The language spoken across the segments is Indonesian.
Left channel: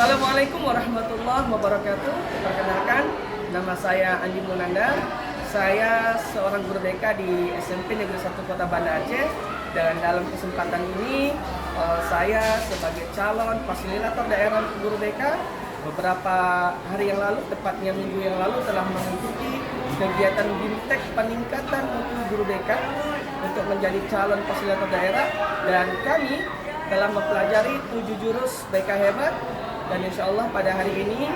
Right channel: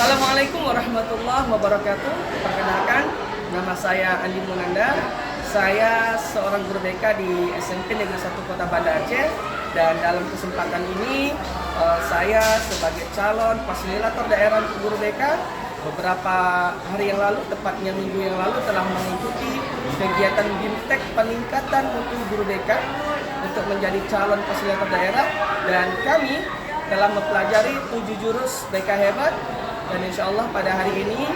Assalamualaikum warahmatullahi wabarakatuh. Perkenalkan, nama saya Andi Munandar. Saya seorang guru BK di SMP Negeri 1 Kota Banda Aceh. Dan dalam kesempatan ini saya sebagai calon fasilitator daerah guru BK beberapa hari yang lalu, tepatnya minggu yang lalu, telah mengikuti kegiatan BIMTEK peningkatan mutu guru BK untuk menjadi calon fasilitator daerah. Dan kami telah mempelajari 7 jurus BK hebat. Dan insya Allah pada hari ini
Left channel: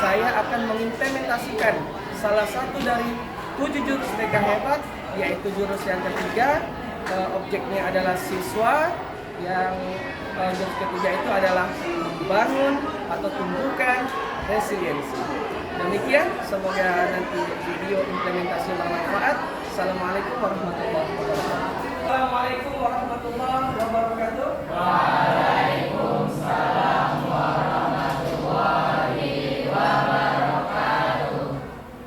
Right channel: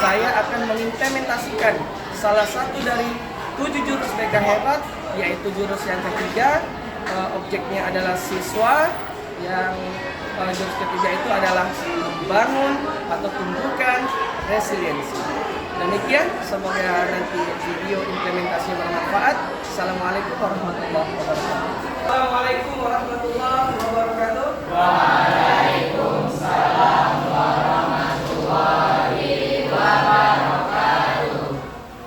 saya akan mengimplementasikan salah satu dari 7 jurus BK hebat, yaitu jurus yang ketiga. Objeknya adalah siswa. Yang jurus ketiga itu adalah membangun atau tumbuhkan resiliensi. Demikian, semoga nanti video implementasi bermanfaat. Assalamualaikum warahmatullahi wabarakatuh. Assalamualaikum warahmatullahi wabarakatuh. Waalaikumsalam warahmatullahi wabarakatuh.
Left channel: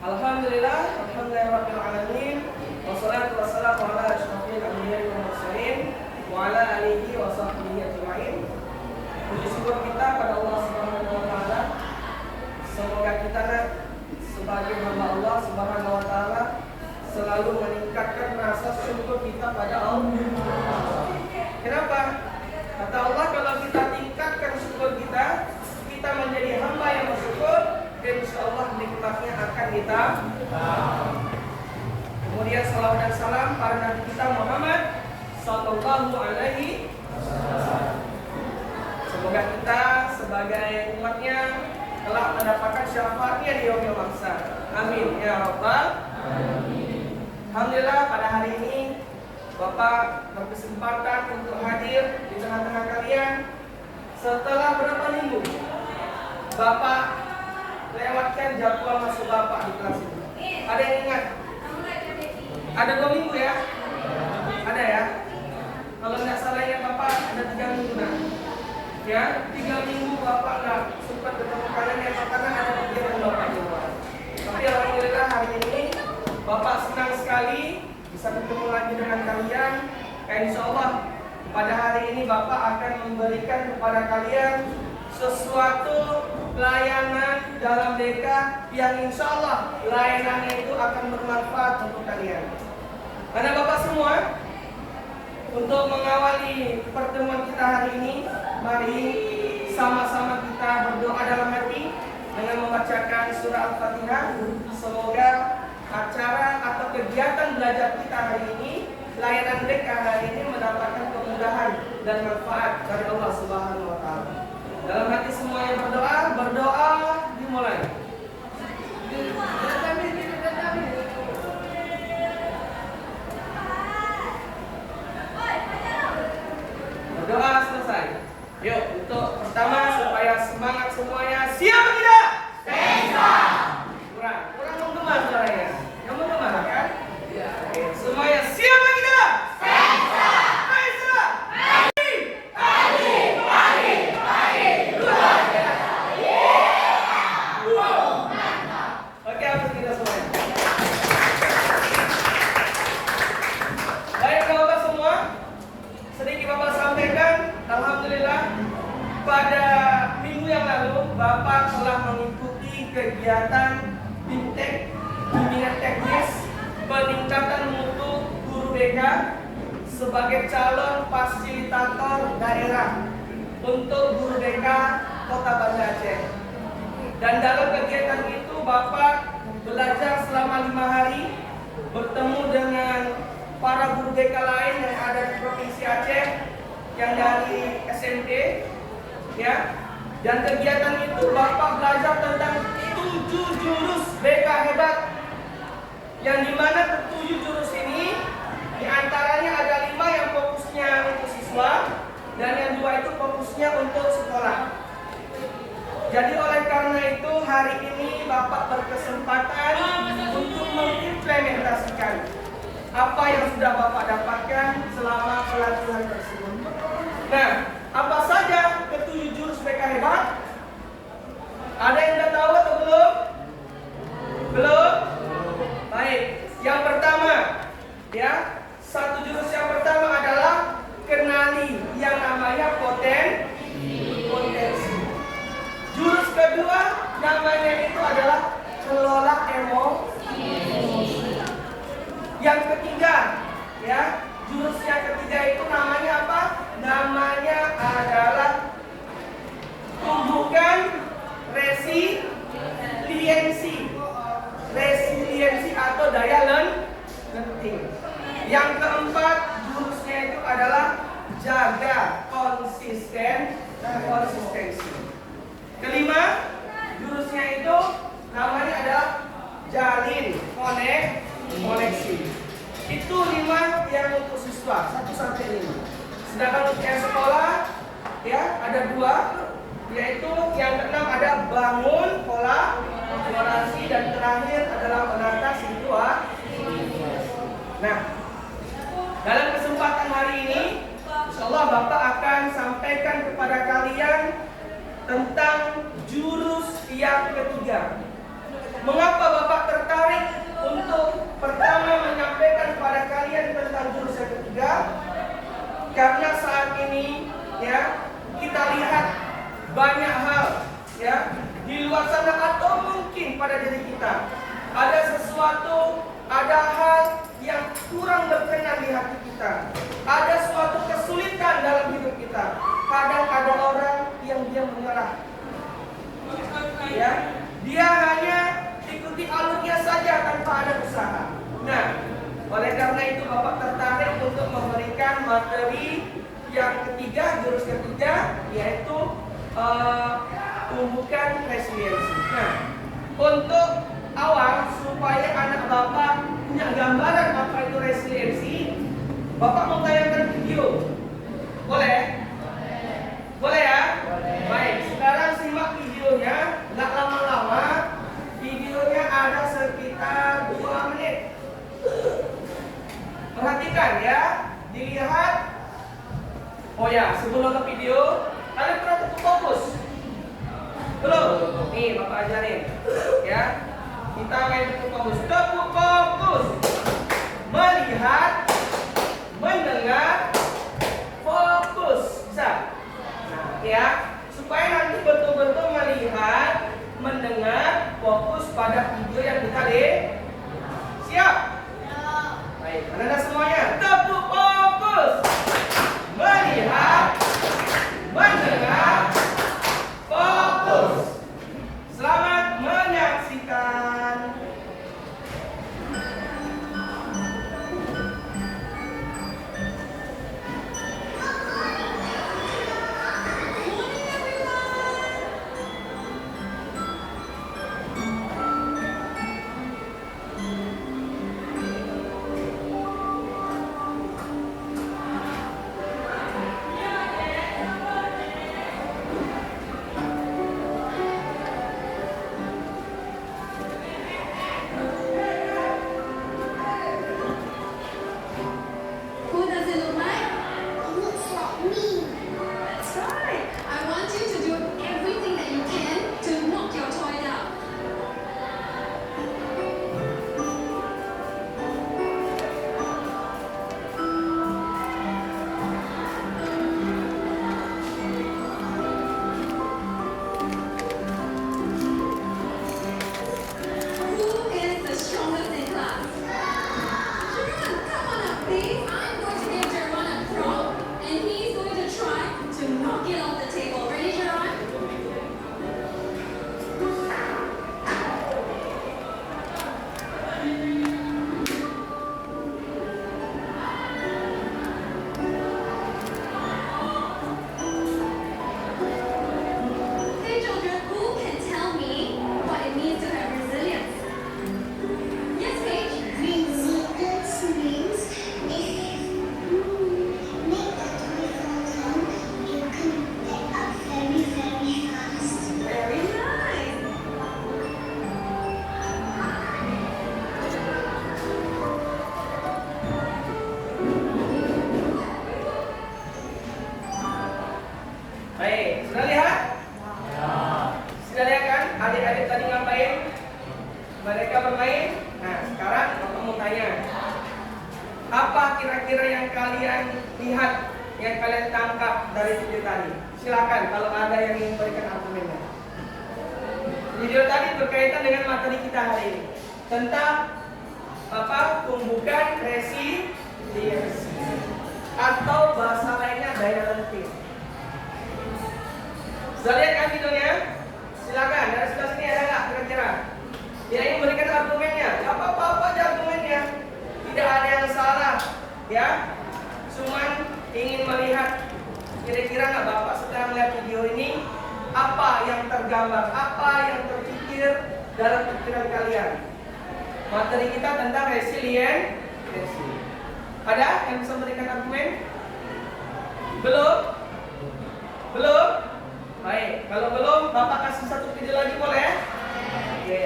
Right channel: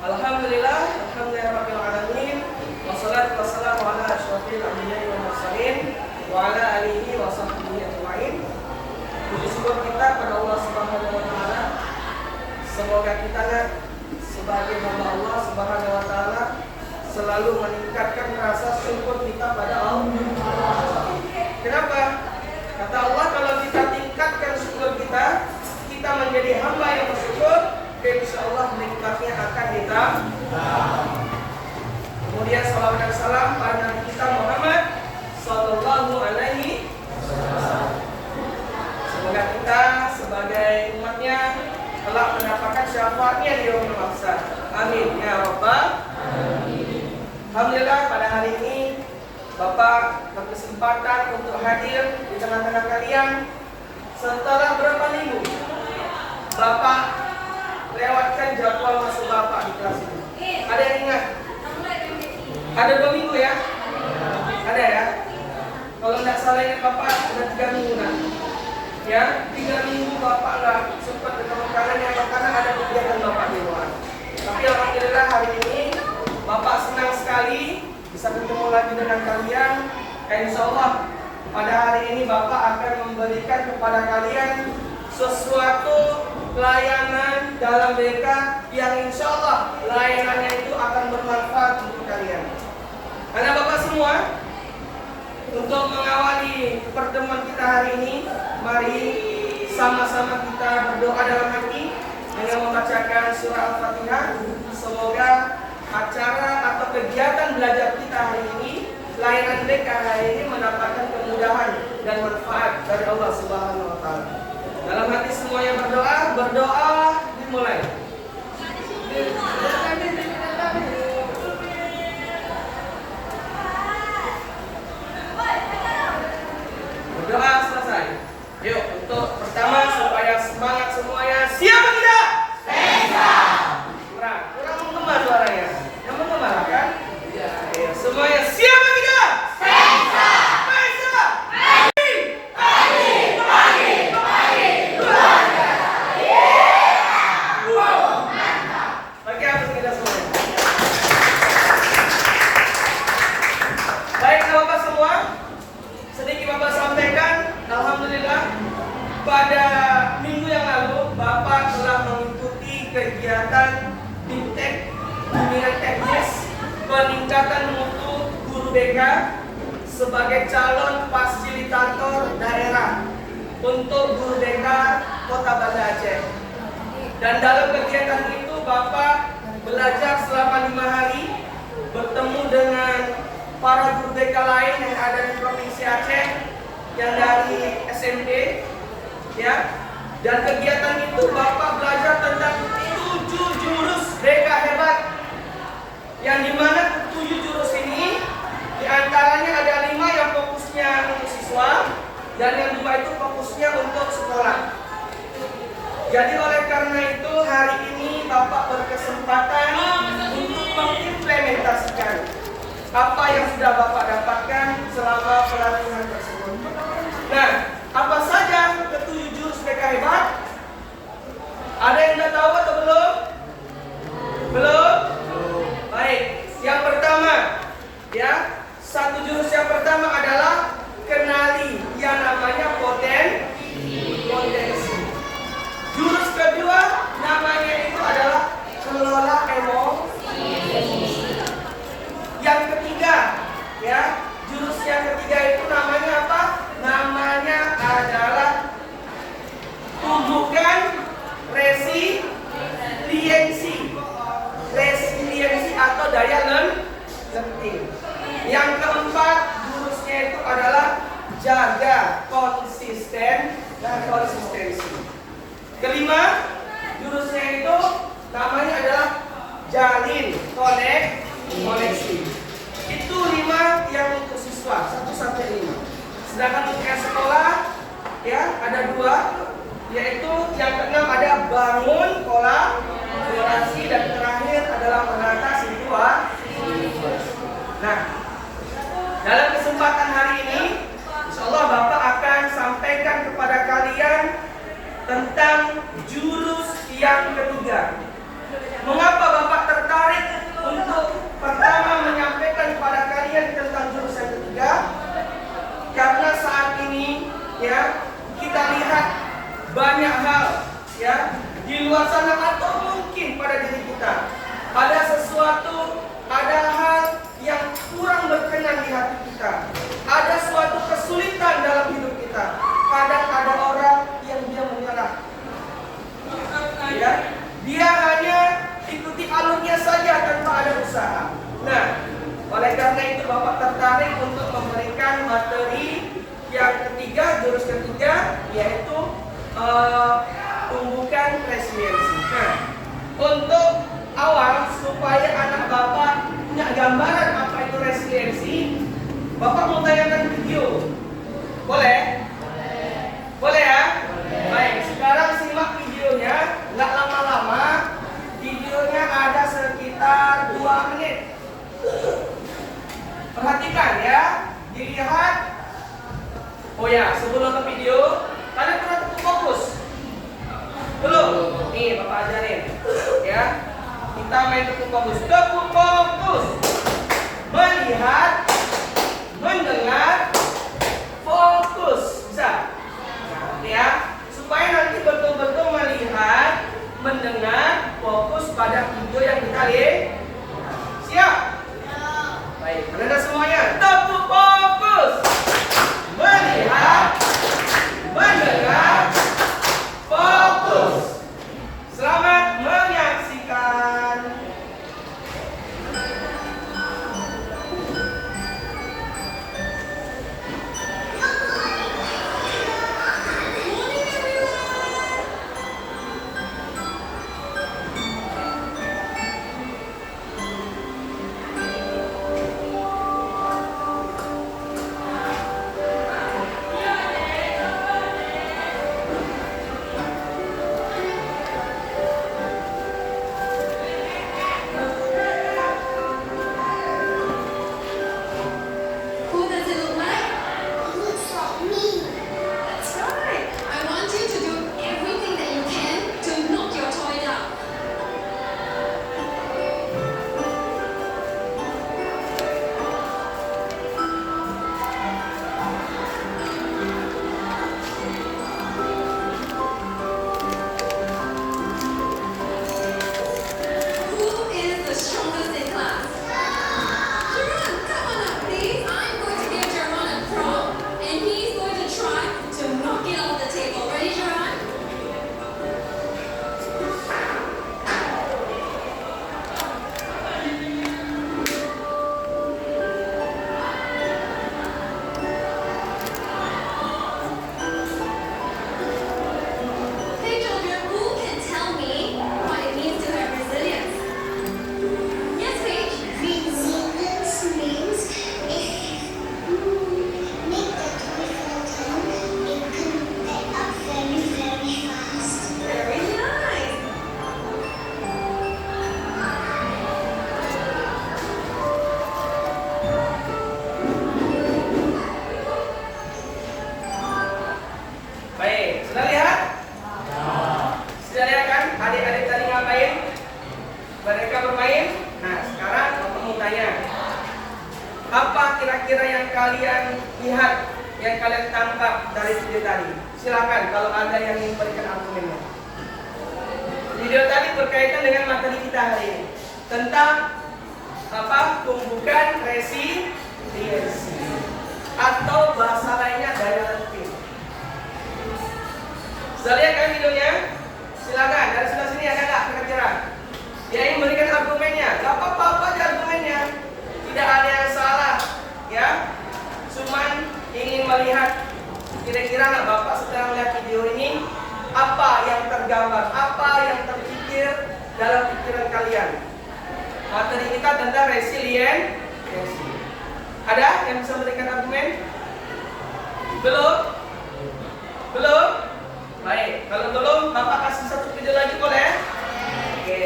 Alhamdulillah, alhamdulillahirabbil alamin. Wassalatu wassalamu ala asyrofil anbiya'i wal mursalin wa ala alihi wa sahbihi ajma'in. Puji syukur kita pada Allah Subhanahu wa taala. Semoga kita sebagai hamba Allah Subhanahu wa taala selalu meningkatkan rasa syukur kita pada Allah. Kenapa? Kata Allah, kalau kita tingkatkan syukur kita menjadi hamba yang bersyukur, dan insya Allah nikmatnya akan kita. Kemudian salawat dan salam pada Nabi kita Muhammad Sallallahu Alaihi Wasallam. Semoga kita sebagai umatnya telah mendapatkan syafaatnya di yaumul mahsyar. Amin ya rabbal alamin. Alhamdulillah, pada hari ini Bapak berkesempatan untuk hadir di tengah-tengah kalian. Setelah berapa minggu Bapak lewatkan jadwal masuk Bapak di kelas ini? Ada yang ingat? Ada 2 minggu ya? Ada ya? Kalau tidak salah ingat Bapak ada 3 minggu nanti. Ya, 3 minggu Bapak nggak sempat ketemu kanan, yang pertama ada kegiatan Bapak di luar. Tapi alhamdulillah hari ini Bapak senang sekali bisa bertemu lagi dengan kalian. Insya Allah pada hari ini Bapak akan memberikan kepada kalian sesuatu layanan dalam BK yang insya Allah layanannya itu akan bermanfaat untuk kalian. Karena Bapak semua, untuk mengawali pertemuan kita hari ini, mari sama-sama kita berdoa dalam hati dengan membacakan surah Al-Fatihah. Semoga acara atau kegiatan belajar kita hari ini, layanan mereka hari ini mendapatkan kemudahan dan manfaat dari Allah Subhanahu wa taala. Dalam hati semuanya berdoa dimulai. Berdoa selesai. Yuk, untuk pertama supaya semangat semuanya. Siap tidak? Kurang menggema suaranya. Yang menggema kan? Ya. Semuanya siap tidak? Pada minggu yang lalu Bapak telah mengikuti kegiatan BIMTEK Bimbingan Teknis peningkatan mutu guru BK sebagai calon fasilitator daerah untuk guru BK Kota Banda Aceh. Dan dalam kegiatan itu Bapak belajar selama 5 hari, bertemu dengan para guru BK lain yang ada di Provinsi Aceh, yang dari SMP. Ya, dan kegiatan itu Bapak belajar tentang 7 jurus BK hebat, yang dimana 7 jurus ini diantaranya ada 5 yang fokusnya untuk siswa dan yang 2 itu fokusnya untuk sekolah. Jadi oleh karena itu hari ini Bapak berkesempatan untuk mengimplementasikan apa yang sudah Bapak dapatkan selama pelatihan tersebut. Nah, apa saja ke-7 jurus BK hebat? Ada yang sudah tahu atau belum? Belum? Baik. Yang pertama, ya, 1 jurus yang pertama adalah kenali yang namanya potensi. kedua namanya itu adalah kelola emosi. Yang ketiga, ya, jurus yang ketiga itu namanya apa? Namanya adalah tumbuhkan resiliensi atau daya lenting. Yang keempat, jurusnya itu adalah jaga konsisten dan konsistensi. Kelima, jurusnya itu namanya adalah jalin koneksi. Itu 5 yang untuk siswa 1 sampai 5. Sedangkan untuk yang sekolah, ya, ada 2, yaitu yang keenam ada bangun kolaborasi dan terakhir adalah menata situasi. Nah, dalam kesempatan hari ini, insyaallah Bapak akan sampaikan kepada kalian tentang jurus yang ketiga. Mengapa Bapak tertarik untuk pertama menyampaikan kepada kalian tentang jurus yang ketiga? Karena saat ini, ya, kita lihat banyak hal, ya, di luar sana atau mungkin pada diri kita ada sesuatu, ada hal yang kurang berkenan di hati kita, ada suatu kesulitan dalam hidup kita. Kadang ada orang yang dia menyerah, ya, dia hanya ikuti alurnya saja tanpa ada usaha. Nah, oleh karena itu Bapak tertarik untuk memberikan materi yang ketiga, jurus ketiga, yaitu tumbuhkan resiliensi. Nah, untuk awal supaya anak Bapak punya gambaran apa itu resiliensi, Bapak mau tayangkan video. Boleh? Boleh ya? Baik, sekarang simak videonya, nggak lama-lama. Videonya ada sekitar 2 menit. Perhatikan ya, dilihat. Oh ya, sebelum nonton video, kalian pernah tepuk fokus? Belum? Nih, Bapak ajarin. Ya, kita main tepuk fokus. Tepuk fokus. Melihat, mendengar, fokus. Bisa? Nah, ya, supaya nanti betul-betul melihat, mendengar, fokus pada video yang kita lihat. Siap? Baik, Anda semuanya tepuk fokus. Melihat, mendengar, fokus. Selamat menyaksikan. Apa kira-kira yang kalian lihat, yang kalian tangkap dari video tadi? Silakan kalau ada yang ingin memberikan argumennya. tadi berkaitan dengan materi kita hari ini tentang apa? Pembukaan resiliensi atau bahasa lainnya daya lenting. Sudah lihat kan videonya? Silakan dari sebelah sini ada nggak kira-kira? Dia ingin memberikan argumennya. Gak apa-apa aja argumennya. Tidak ada yang salah, ya. Cuman ingin melihat kira-kira nggak Bapak setelah melihat video ini apa yang tergambar, apa yang terpikir dalam pikiran kalian. Materi kita tentang resiliensi. Ada yang bisa memberikan argumen? Belum? Belum? Baik, kalau belum Bapak kasih satu video lagi boleh? Oke.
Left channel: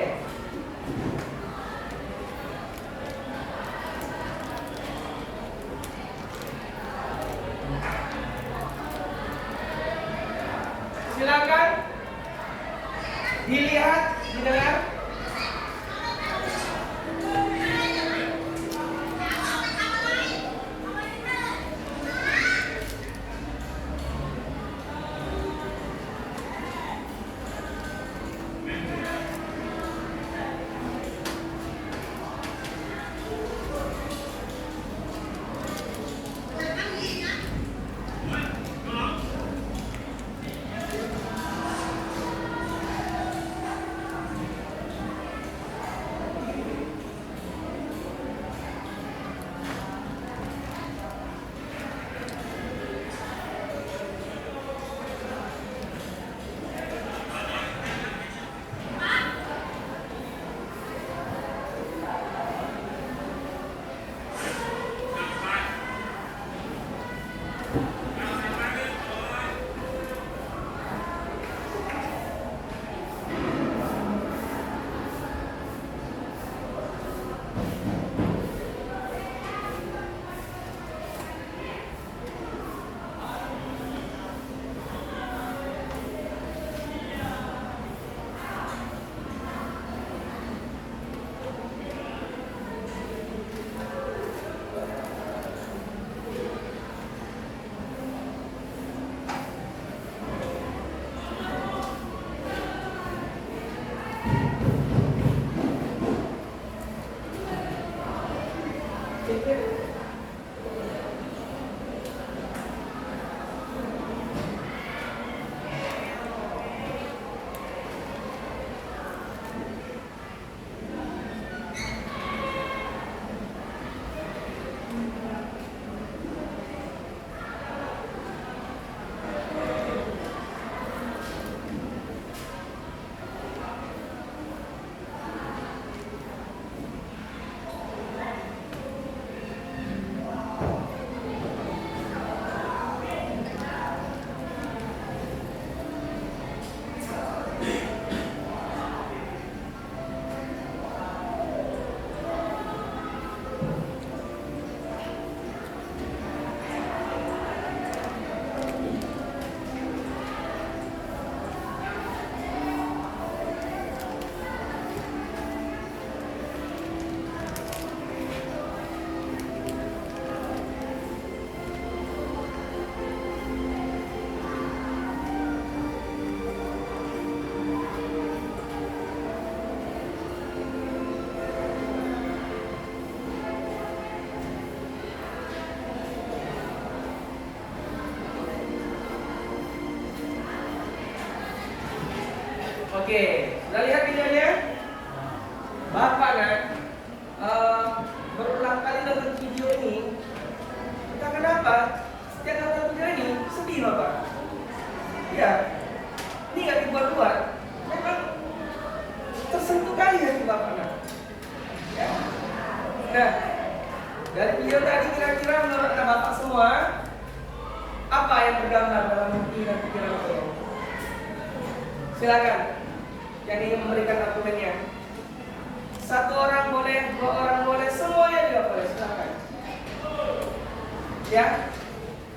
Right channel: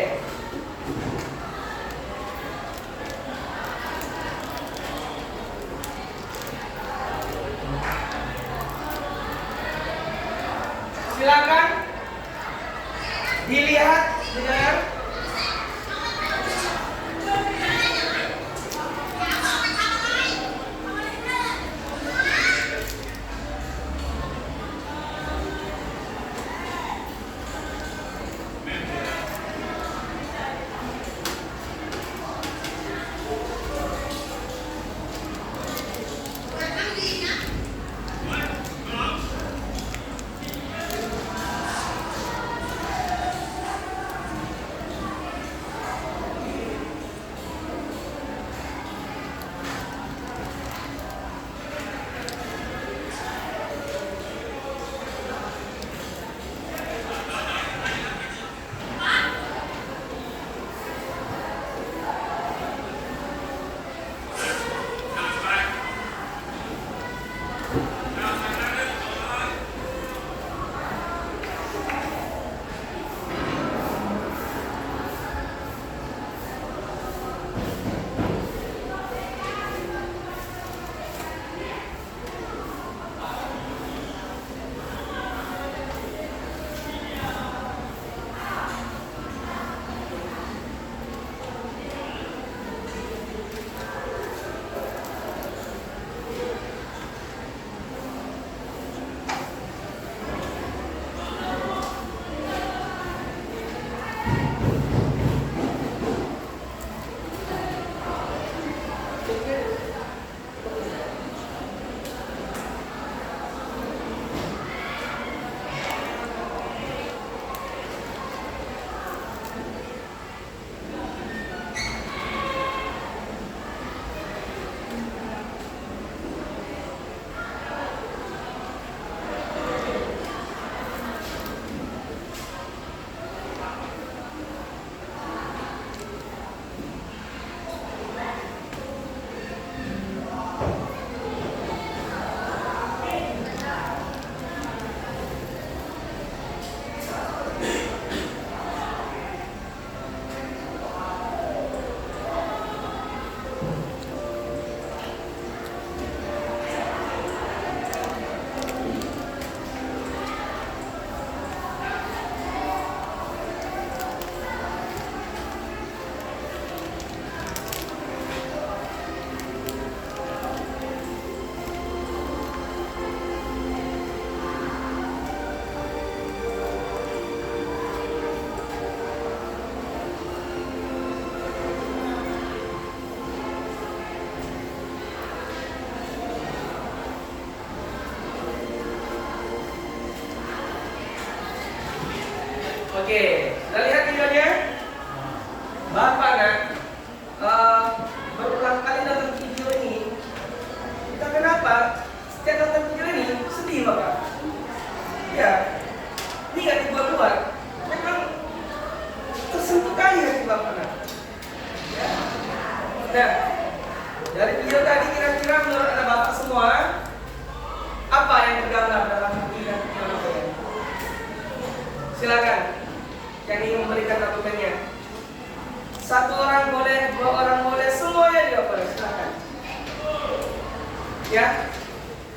Silakan dilihat, didengar. Oke, kita lihat videonya. Bapak berulang kali nonton video ini. Kita kenapa? Setiap nonton video ini sedih Bapak. Ya, ini nggak dibuat-buat. Memang tersentuh kali hati Bapak. Ya. Nah, dari video tadi kira-kira menurut Bapak semua apa yang tergambar dalam hati dan pikiran Bapak? Silakan. Yang ingin memberikan argumennya. Satu orang boleh, dua orang boleh, semuanya juga boleh. Silakan. Ya,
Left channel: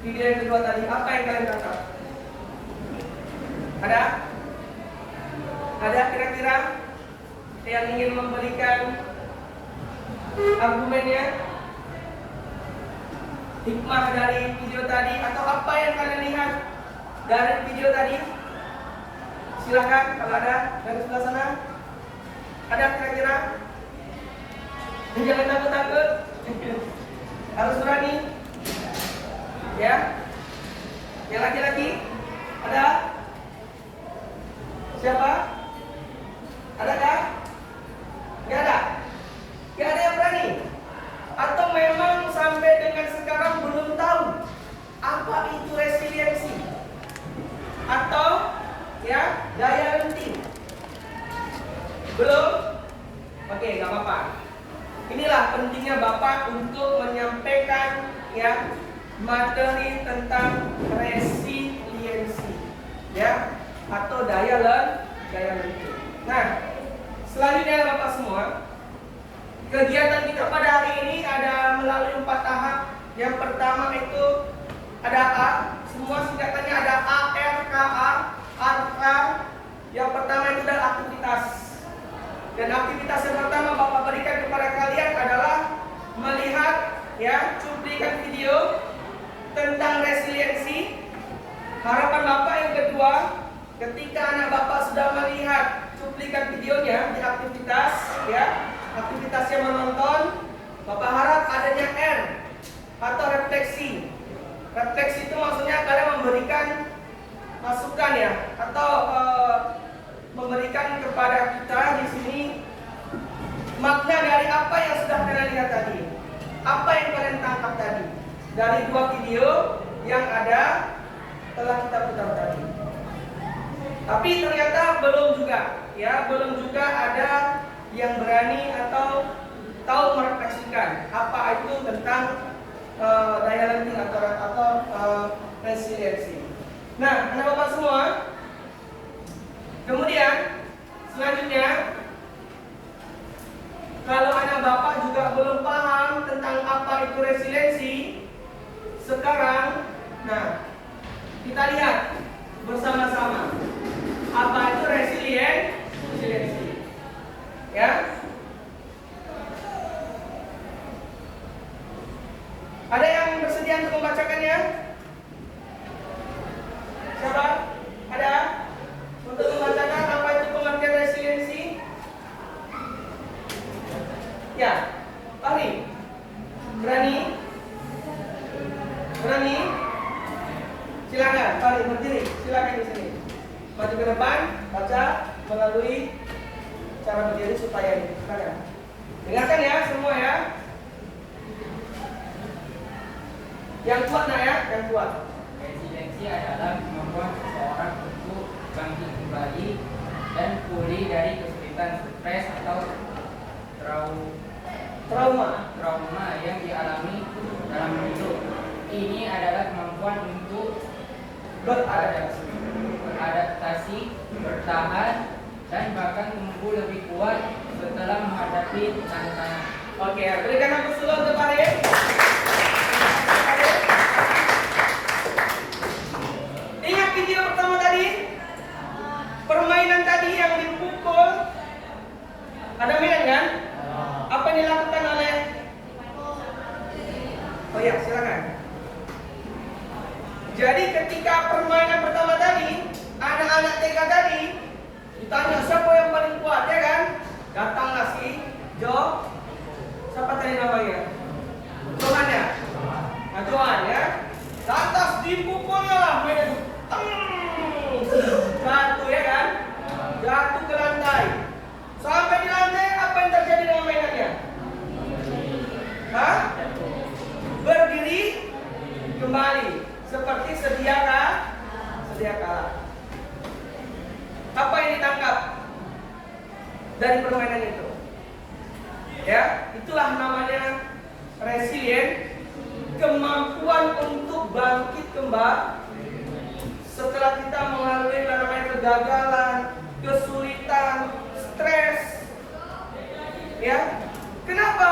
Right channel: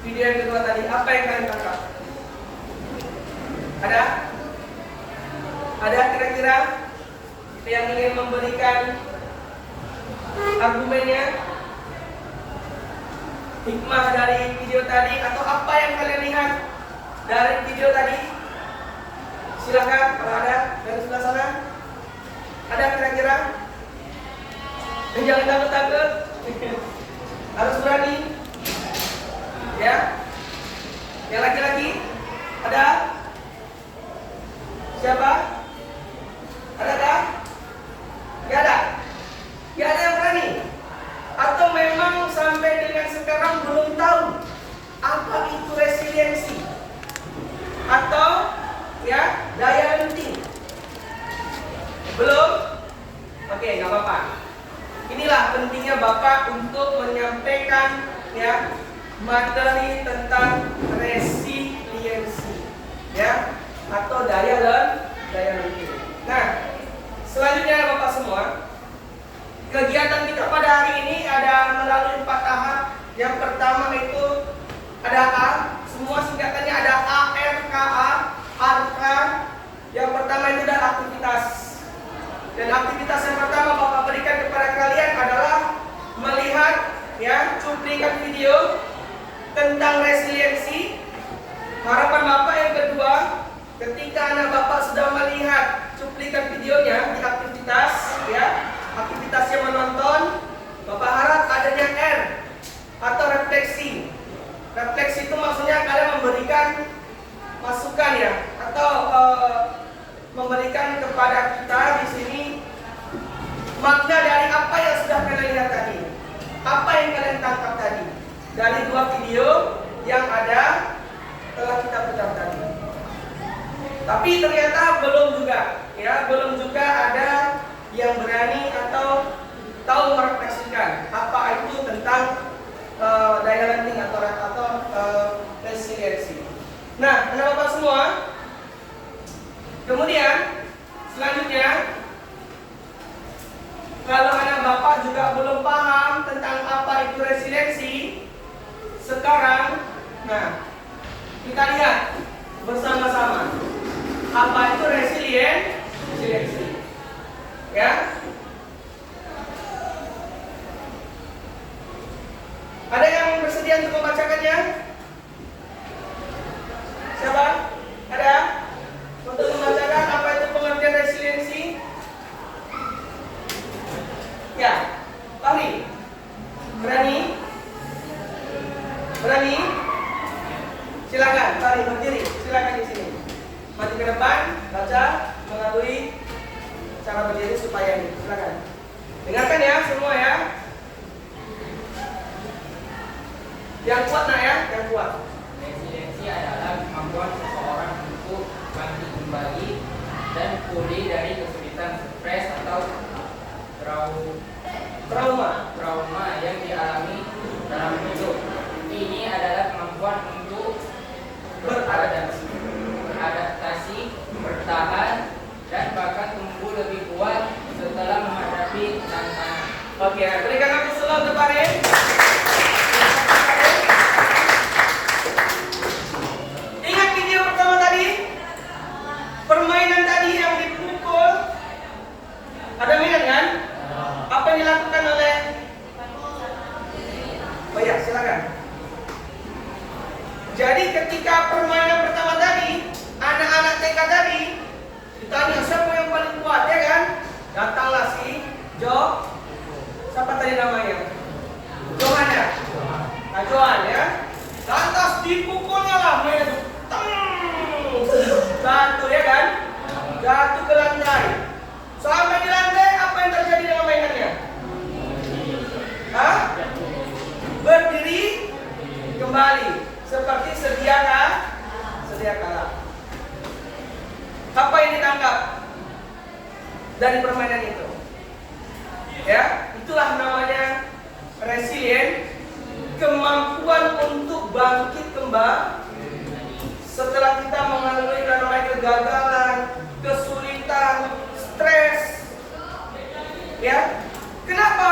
video yang kedua tadi, apa yang kalian tangkap? Ada? Ada kira-kira yang ingin memberikan argumennya? Hikmah dari video tadi atau apa yang kalian lihat dari video tadi? Silakan, kalau ada dari sebelah sana. Ada kira-kira? Jangan takut-takut. Harus berani. Ya. Yang laki-laki? Ada? Siapa? Adakah? Gak ada? Gak ada yang berani? Atau memang sampai dengan sekarang belum tahu apa itu resiliensi? Atau ya daya lenting? Belum? Oke, gak apa-apa. Inilah pentingnya Bapak untuk menyampaikan ya materi tentang resiliensi ya atau daya lenting. Nah, selanjutnya Bapak semua, kegiatan kita pada hari ini ada melalui 4 tahap. Yang pertama itu ada A, semua singkatannya ada ARKA, ARKA. Yang pertama itu adalah aktivitas. Dan aktivitas yang pertama Bapak berikan kepada kalian adalah melihat ya cuplikan video tentang resiliensi. Harapan Bapak yang kedua, ketika anak Bapak sudah melihat cuplikan videonya di aktivitas ya, aktivitasnya menonton, Bapak harap adanya R atau refleksi. Refleksi itu maksudnya kalian memberikan masukan ya, atau memberikan kepada kita di sini makna dari apa yang sudah kalian lihat tadi, apa yang kalian tangkap tadi dari 2 video yang ada telah kita putar tadi. Tapi ternyata belum juga ada yang berani atau tahu merefleksikan apa itu tentang daya lenting atau resiliensi. Nah, anak Bapak semua, kemudian selanjutnya, kalau anak Bapak juga belum paham tentang apa itu resiliensi, sekarang, nah, kita lihat bersama-sama apa itu resiliensi. Ya. Ada yang bersedia untuk membacakannya? Siapa? Ada? Untuk membacakan apa itu pengertian resiliensi? Ya, Fahri. Berani? Berani? Silakan, Fahri berdiri. Silakan di sini. Maju ke depan, baca melalui cara berdiri supaya ini. Silakan. Dengarkan ya semua ya. Yang kuat nak ya, yang kuat. Resiliensi adalah kemampuan seseorang untuk bangkit kembali dan pulih dari kesulitan, stres atau trauma yang dialami dalam hidup. Ini adalah kemampuan untuk beradaptasi, bertahan, dan bahkan tumbuh lebih kuat setelah menghadapi tantangan. Oke, berikan aku selalu untuk Fahri. Ingat video pertama tadi? Permainan tadi yang dipukul. Ada mainan kan? Apa yang dilakukan oleh? Oh ya, silakan. Jadi ketika permainan pertama tadi, anak-anak TK tadi ditanya siapa yang paling kuat, ya kan? Datanglah si Jo. Siapa tadi namanya? Johan ya? Nah, Johan ya. Lantas dipukulnya lah, jatuh ya kan? Jatuh ke lantai. Sampai di lantai, apa yang terjadi dengan mainannya? Hah? Berdiri kembali seperti sedia kala. Apa yang ditangkap dari permainan itu? Ya, itulah namanya resilient, kemampuan untuk bangkit kembali setelah kita mengalami kegagalan, kesulitan, stres. Ya, kenapa?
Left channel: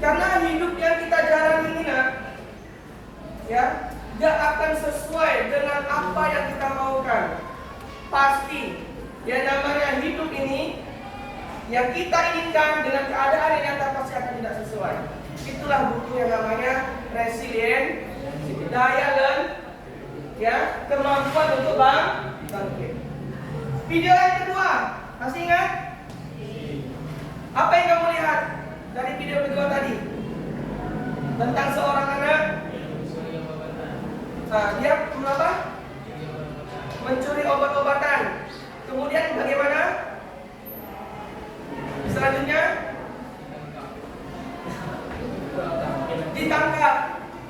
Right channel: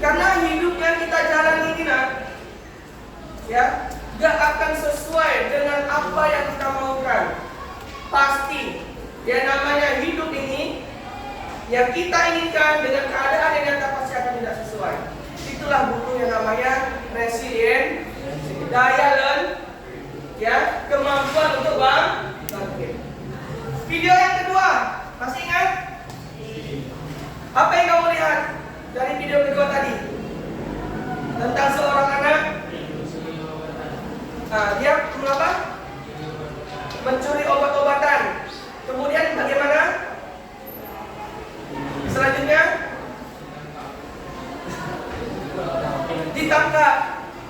Karena hidup yang kita jalani ini, ya, gak akan sesuai dengan apa yang kita maukan. Pasti, yang namanya hidup ini, yang kita inginkan dengan keadaan yang nyata pasti akan tidak sesuai. Itulah butuh yang namanya resilient, daya ya, kemampuan untuk bangkit. Video yang kedua, masih ingat? Apa yang kamu lihat dari video kedua tadi? Tentang seorang anak, dia apa? Mencuri obat-obatan. Kemudian bagaimana? Selanjutnya ditangkap.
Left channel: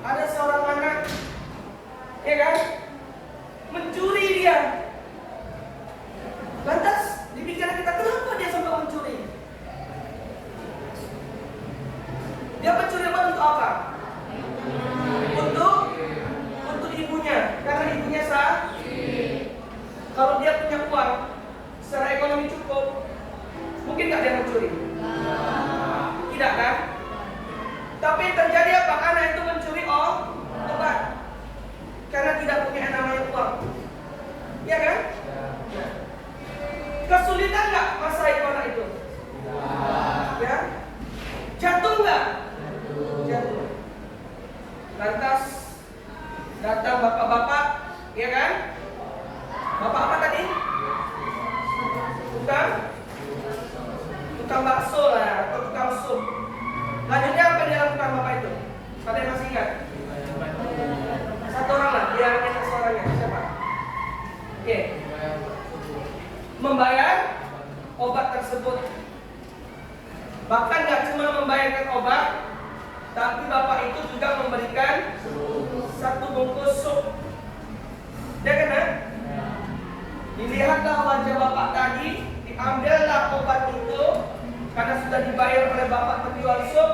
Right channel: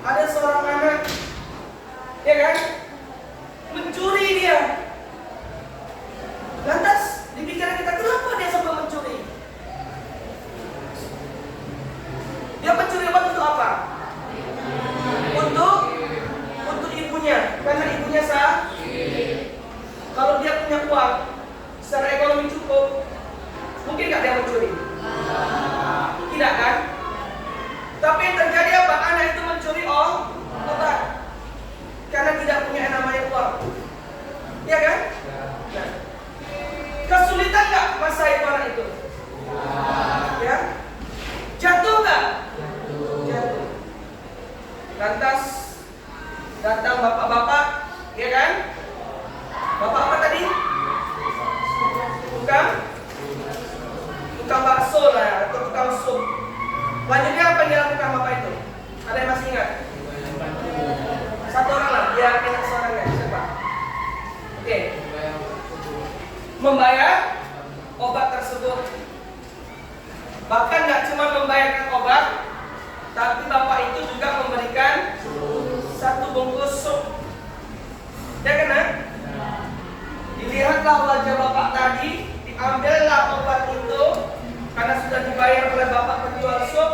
Ada seorang anak, ya kan? Mencuri dia. Lantas di pikiran kita, kenapa dia sampai mencuri? Dia mencuri obat untuk apa? Untuk ibunya, karena ibunya sah. Kalau dia punya uang, secara ekonomi cukup, mungkin nggak dia mencuri? Tidak kan? Tapi yang terjadi apa? Anak itu mencuri obat karena tidak punya yang namanya uang, ya kan? Nah, kesulitan nggak masa itu anak itu? Ya, jatuh nggak? Jatuh. Lantas datang bapak-bapak, ya kan? Bapak apa tadi? Tukang bakso lah, atau tukang sup. Lanjutnya apa yang dilakukan bapak itu? Ada yang masih ingat? Satu orang lah, dia minta seorangnya. Siapa? Oke. Membayar obat tersebut. Bahkan nggak cuma membayarkan obat, tapi bapak itu juga memberikan satu bungkus sup. Ya kan? Dilihatlah wajah bapak tadi, diambillah obat itu karena sudah dibayar oleh bapak penjual sup.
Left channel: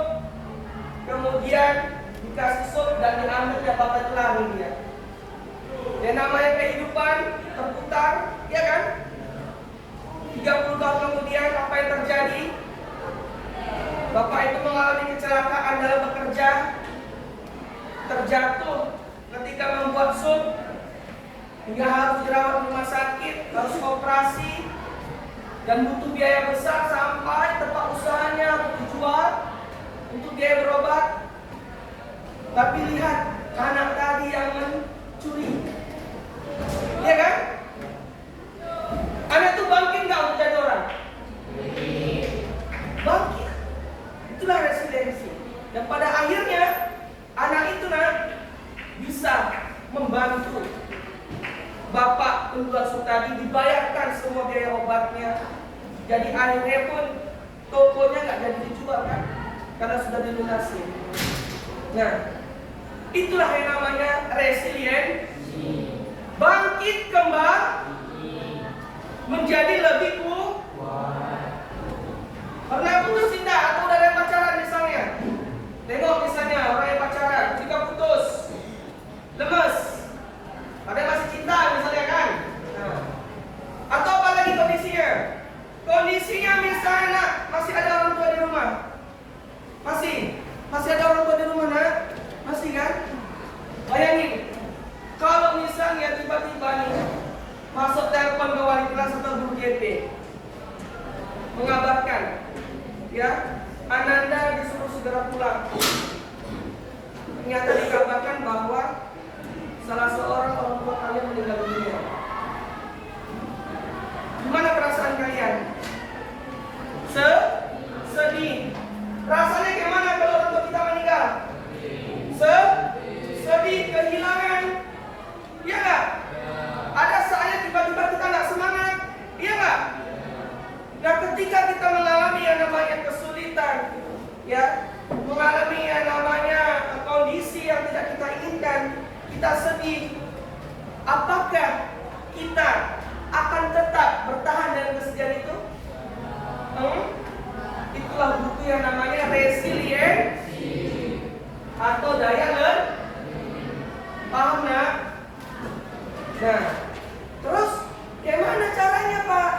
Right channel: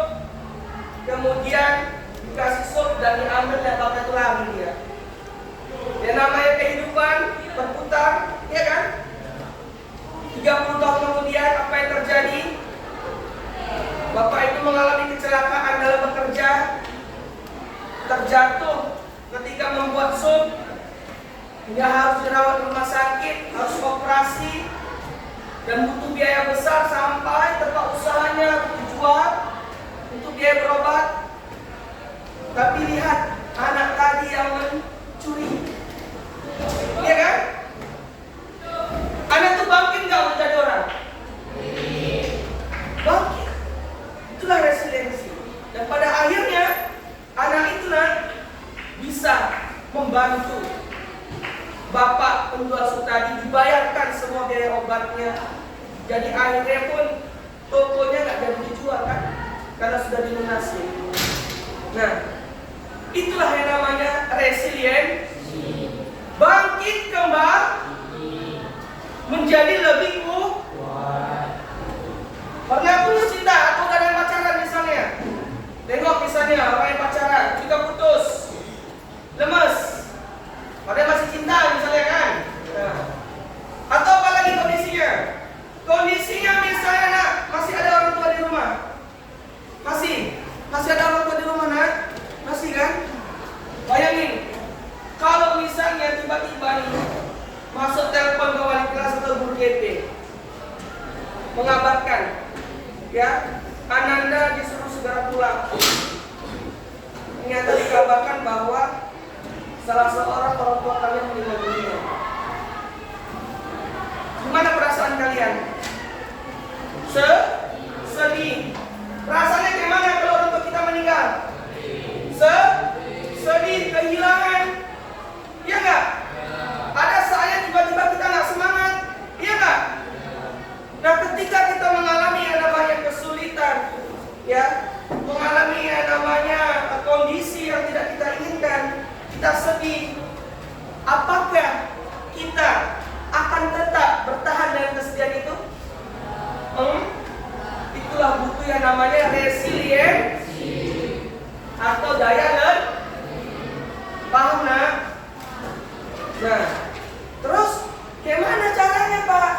Kemudian dikasih sup dan diambil dan bapak itu lari dia. Ya namanya kehidupan berputar, ya kan? 30 tahun kemudian apa yang terjadi? Bapak itu mengalami kecelakaan dalam bekerja, terjatuh ketika membuat sup, hingga harus dirawat di rumah sakit, harus operasi, dan butuh biaya besar sampai tempat usahanya dijual untuk biaya berobat. Tapi lihat anak tadi yang mencuri, iya kan? Anak itu bangkit nggak untuk jadi orang? Bangkit. Itulah resiliensi. Dan pada akhirnya anak itu bisa membantu bapak penjual sup tadi, dibayarkan semua biaya obatnya. Jadi akhirnya pun tokonya nggak jadi dijual kan, karena sudah dilunasi. Nah, itulah yang namanya resiliensi. Bangkit kembali menjadi lebih kuat. Pernah putus cinta atau udah ada yang pacaran misalnya? Tengok misalnya orang yang pacaran, jika putus, lemes, padahal masih cinta misalnya kan? Nah. Atau apalagi kondisinya? Kondisinya misalnya masih ada orang tua di rumah. Masih ada orang tua di rumah masih kan? Bayangin, kalau misalnya tiba-tiba nih masuk telepon ke wali kelas atau guru GP mengabarkan, ya, Ananda disuruh segera pulang. Ternyata dikabarkan bahwa salah seorang orang tua kalian meninggal dunia. Gimana perasaan kalian? Sedih. Rasanya gimana kalau orang tua kita meninggal? Sedih, kehilangan. Iya nggak? Ada saatnya tiba-tiba kita nggak semangat. Iya nggak? Nah, ketika kita mengalami yang namanya kesulitan, ya, mengalami yang namanya kondisi yang tidak kita inginkan, kita sedih. Apakah kita akan tetap bertahan dengan kesedihan itu? Itulah butuh yang namanya resiliensi atau daya lereng. Paham nak? Nah, terus gimana caranya Pak?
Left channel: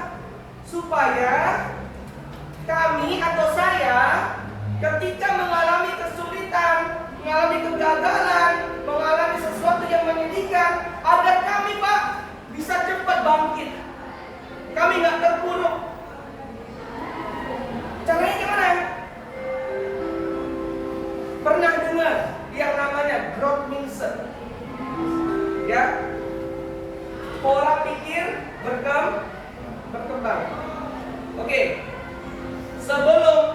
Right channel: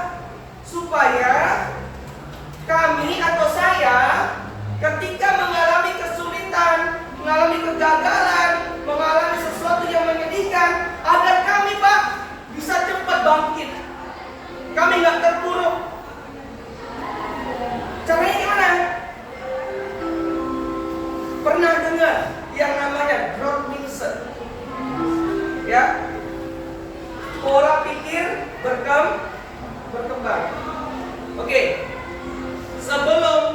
Supaya kami atau saya ketika mengalami kesulitan, mengalami kegagalan, mengalami sesuatu yang menyedihkan, agar kami Pak bisa cepat bangkit. Kami nggak terpuruk. Caranya gimana? Pernah dengar yang namanya growth mindset? Ya, pola pikir berkembang. Oke, sebelum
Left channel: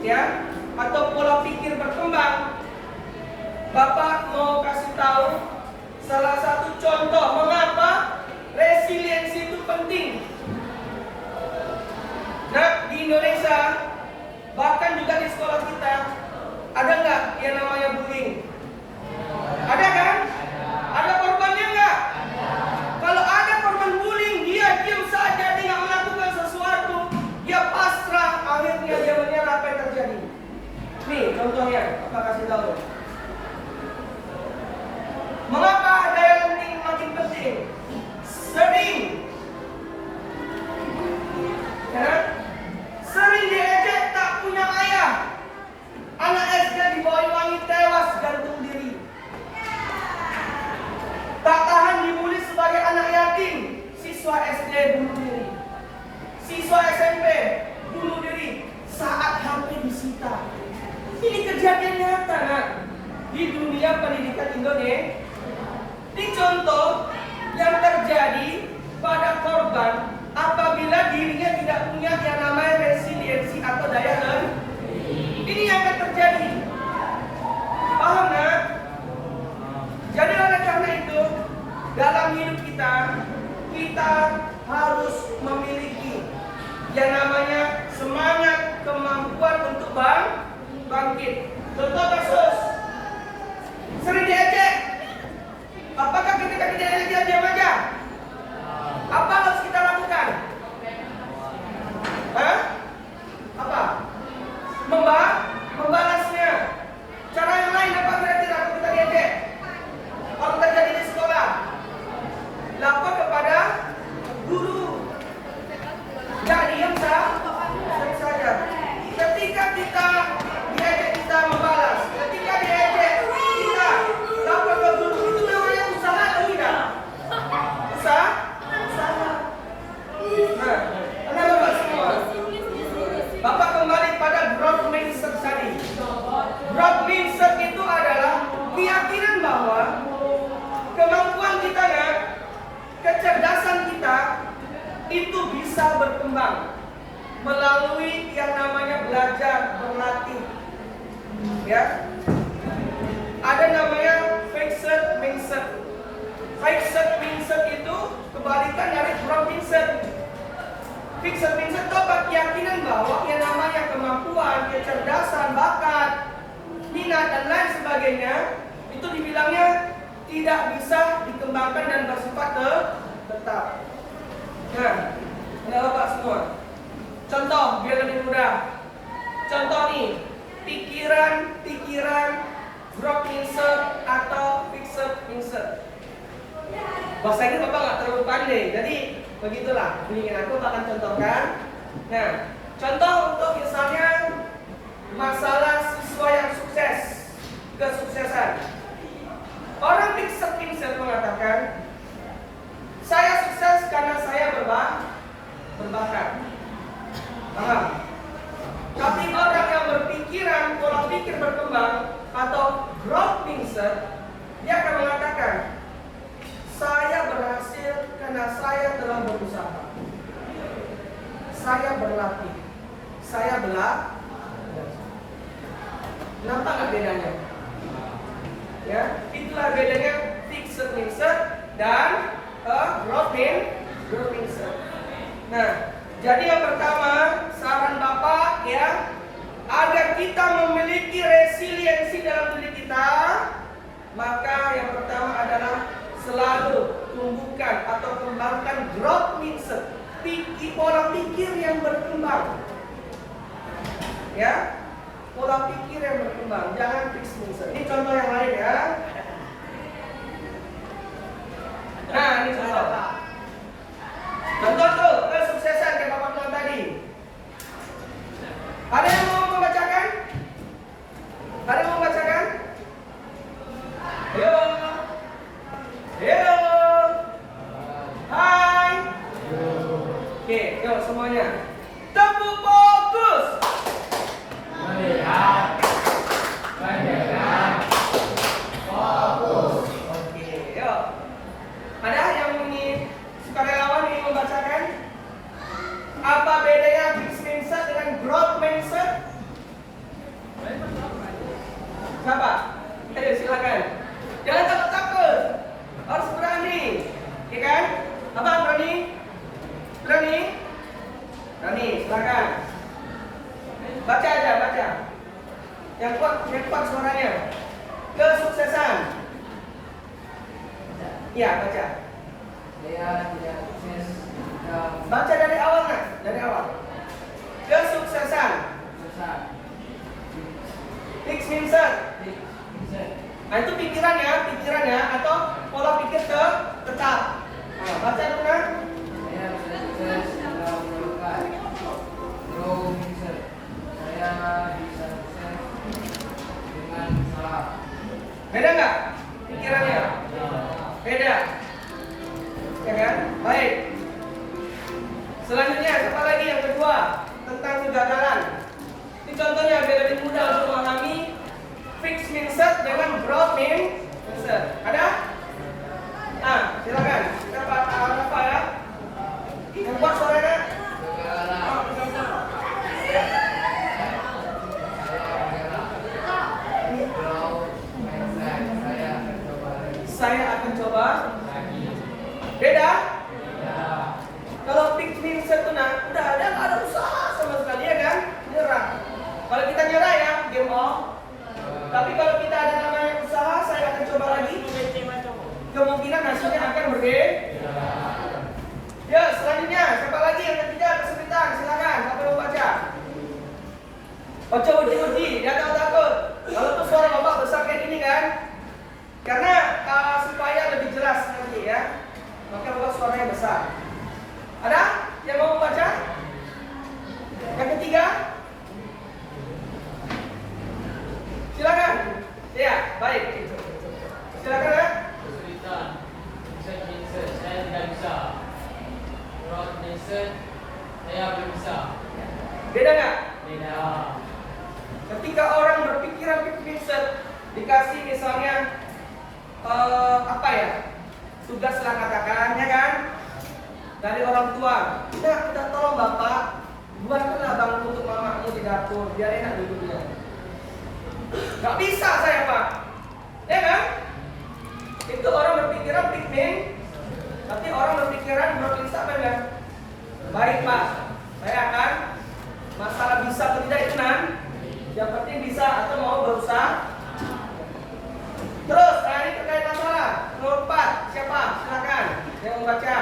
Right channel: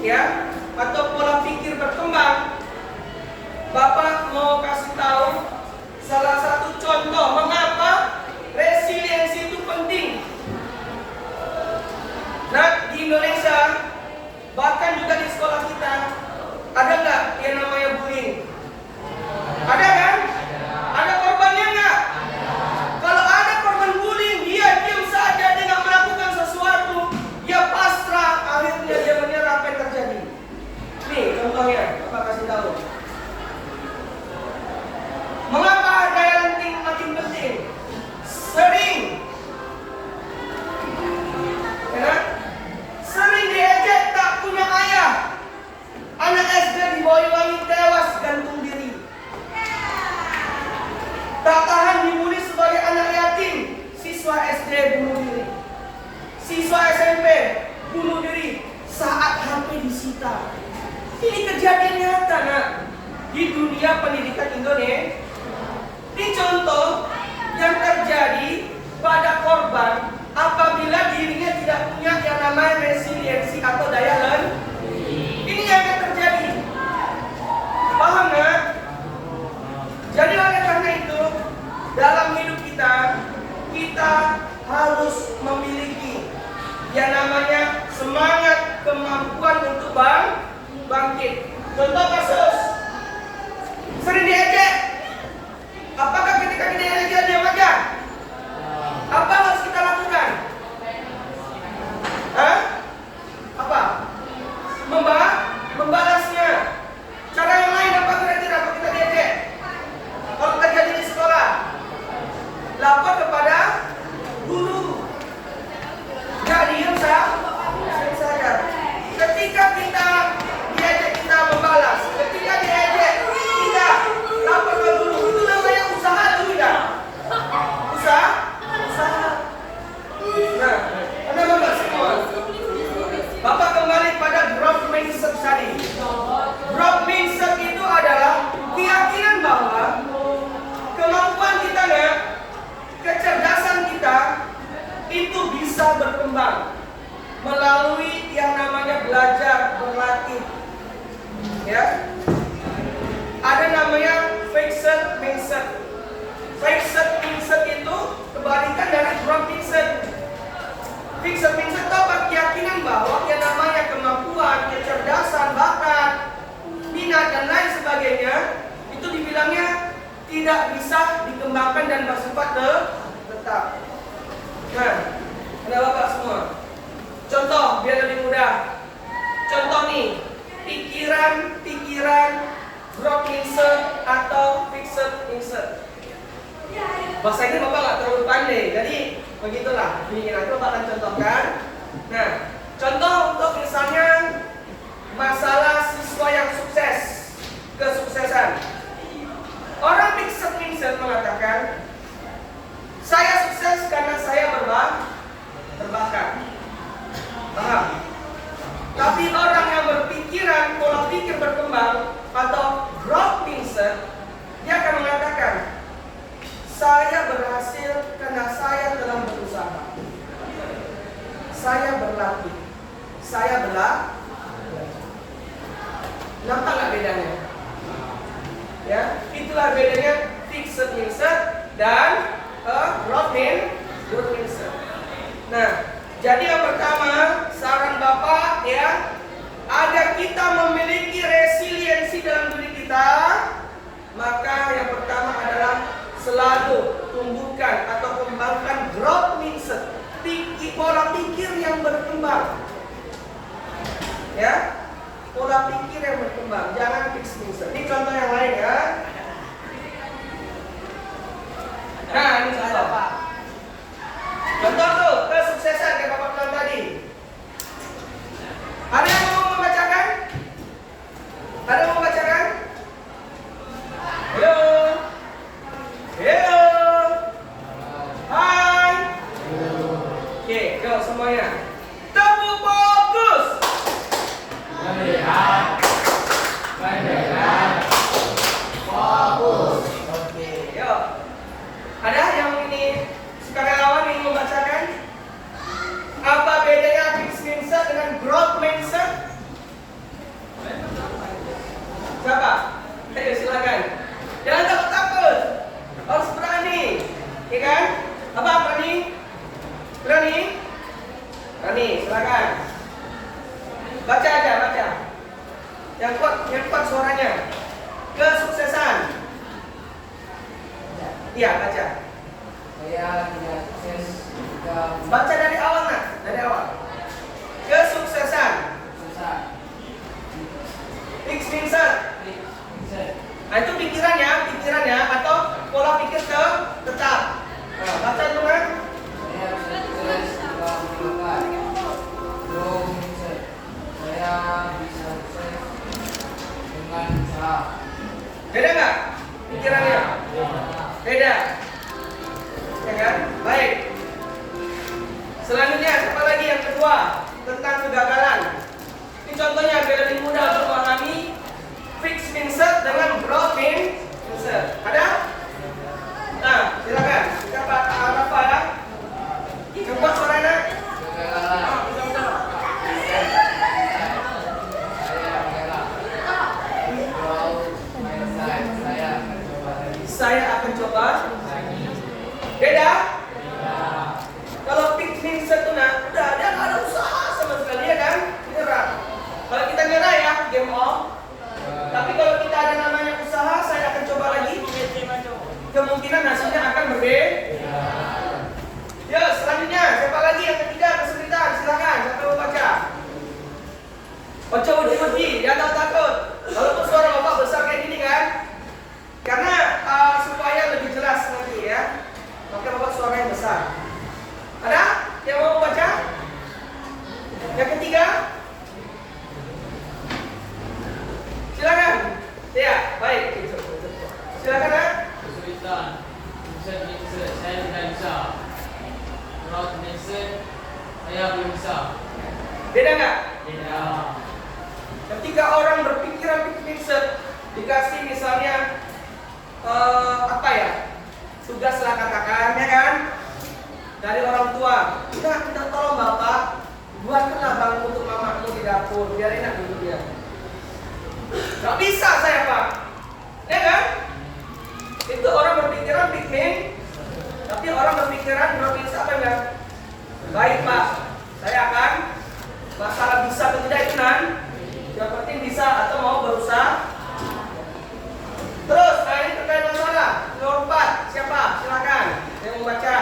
ya, atau pola pikir berkembang. Bapak mau kasih tahu salah satu contoh mengapa resiliensi itu penting. Nah, di Indonesia, bahkan juga di sekolah kita, ada nggak yang namanya bullying? Ada kan? Ada korbannya nggak? Kalau ada korban bullying, dia diam saja, dia nggak melakukan sesuatu, dia pasrah, akhirnya dia menyerah. Apa yang terjadi? Nih contohnya, apa kasih tahu? Mengapa ada yang makin penting? Sering, ya, sering diejek, tak punya ayah. Anak SD di Boyolali tewas gantung diri. Tak tahan dibully sebagai anak yatim, siswa SD bunuh diri. Siswa SMP bunuh diri saat HP disita. Ini kejadian nyata, nak, di dunia pendidikan Indonesia. Ini contoh yang terjadi pada korban apabila dirinya tidak punya yang namanya resiliensi atau daya tahan. Ini yang akan terjadi. Paham nggak? Jadi oleh karena itu, dalam hidup kita, kita harus memiliki yang namanya semangat, kemampuan untuk bangkit. Contoh kasus, sering diejek. Apakah ketika kita diejek diam aja? Apa harus kita lakukan? Hah? Apa? Membalasnya. Cara yang lain apa kira-kira kalau kita diejek? Kalau terjadi di sekolah, lapor kepada guru. Nggak diam saja. Ketika kita diejek, kita membalas. Ketika diejek, kita lapor ke guru. Itu namanya usaha atau tidak? Usaha. Nah, ada bapak semua. Bapak kembali pada growth mindset tadi. Growth mindset itu adalah keyakinan bahwa kemampuan kita, kecerdasan kita itu bisa berkembang melalui yang namanya belajar, berlatih. Ya. Ada namanya fixed mindset. Fixed mindset itu kebalikan dari growth mindset. Fixed mindset itu apa? Keyakinan bahwa yang namanya kemampuan, kecerdasan, bakat, minat dan lain sebagainya itu dibilangnya tidak bisa dikembangkan dan bersifat tetap. Nah, ini Bapak semua. Contoh biar lebih mudah. Contoh nih, pikiran growth mindset atau fixed mindset. Bahasa ini Bapak nggak terlalu pandai, jadi begitulah. Ini aku akan contohkan. Nah, contoh untuk misalnya masalah siswa yang sukses, kesuksesan. Orang fixed mindset mengatakan, saya sukses karena saya berbakat. Paham? Tapi orang yang berpikiran, pola pikir berkembang atau growth mindset, dia akan mengatakan, saya berhasil karena saya telah berusaha. Saya berlatih. Saya belajar. Nampak nggak bedanya? Ya, itulah bedanya fixed mindset dan growth mindset. Nah, jadi yang pertama saran Bapak ya, agar kita memiliki resiliensi dalam diri kita, maka yang pertama adalah selalu tumbuhkan atau kembangkan growth mindset, pola pikir yang berkembang. Ya, pola pikir yang berkembang, jangan fixed mindset. Ini contoh yang lain ya. Nah, ini contoh Pak. Contoh tuh kesuksesan kayak Bapak bilang tadi. Ada yang mau membacakan? Ada yang mau membacakan? Yo. Hello. Hai. Oke, yuk semuanya. Tepuk fokus. Melihat. Fokus. Oke, yuk. Ada yang ini sukarelawan ingin membacakan? Apa bedanya fixed mindset dengan growth mindset? Iya, baca. Saya tidak sukses jika Baca dari awal, nak. Dari awal. Kesuksesan. susah. Fix mindset. Bisa. Nah, itu pikirannya atau pola pikir tetap. Nah, baca dulu, kan? Saya bisa sukses jika melakukan grow mindset. Saya bisa sukses dengan salah. Beda nggak pikirannya? Beda. Ya kan? Baik. Selanjutnya, apa lagi yang kedua? Tentang kegagalan. Ini contohnya biar lebih mudah untuk memahami fixed mindset dengan growth mindset. Ada? Nah, silakan. Kita apa ada? Yang buat suaranya? Kegagalan. Saya mengelak. Grow mindset. Saya akan coba lagi. Saya akan coba. Lagi. Beda? Beda. Kalau fixed mindset tuh nah, udah ada nggak ada usaha sama sekali ya kan? Nyerah. Kalau kita nyerah ya, game off. Tapi kalau kita ada namanya usaha, saya akan coba lagi. Kemungkinan hasilnya akan berbeda. Ya, selanjutnya siapa lagi yang ketiga kesulitan? Silakan, siapa mau baca? Baca uji-uji, jangan takut. Kalau tuh suara bapak besar kayak gini kan? Karena supaya lebih jelas nanti ya, maka bapak suaranya besar. Ada yang mau baca? Yang ketiga? Silakan. Ya, baik. Silakan ya. Kesulitan. Mindset. Saya tidak bisa. Growth mindset. Saya belum bisa. Beda nggak? Beda. Ketika orang berpikiran fixed mindset, dikasih misalnya apa ya? Tugas lah katakan, ya kan? Dari orang tua. Kita tolong bapak, buatkanlah bangku untuk mamamu di dapur, biar enak duduknya. Gak bisa saya pak, ya kan? Itu orang berpikiran fixed mindset, tapi orang berpikiran growth mindset apa enggak? Baik pak, saya akan masalah bisa atau tidak itu nan. Yang penting bisa atau mau berusaha. Terus ini terkait masalah nomor 4, siapa? Silakan yang mau baca.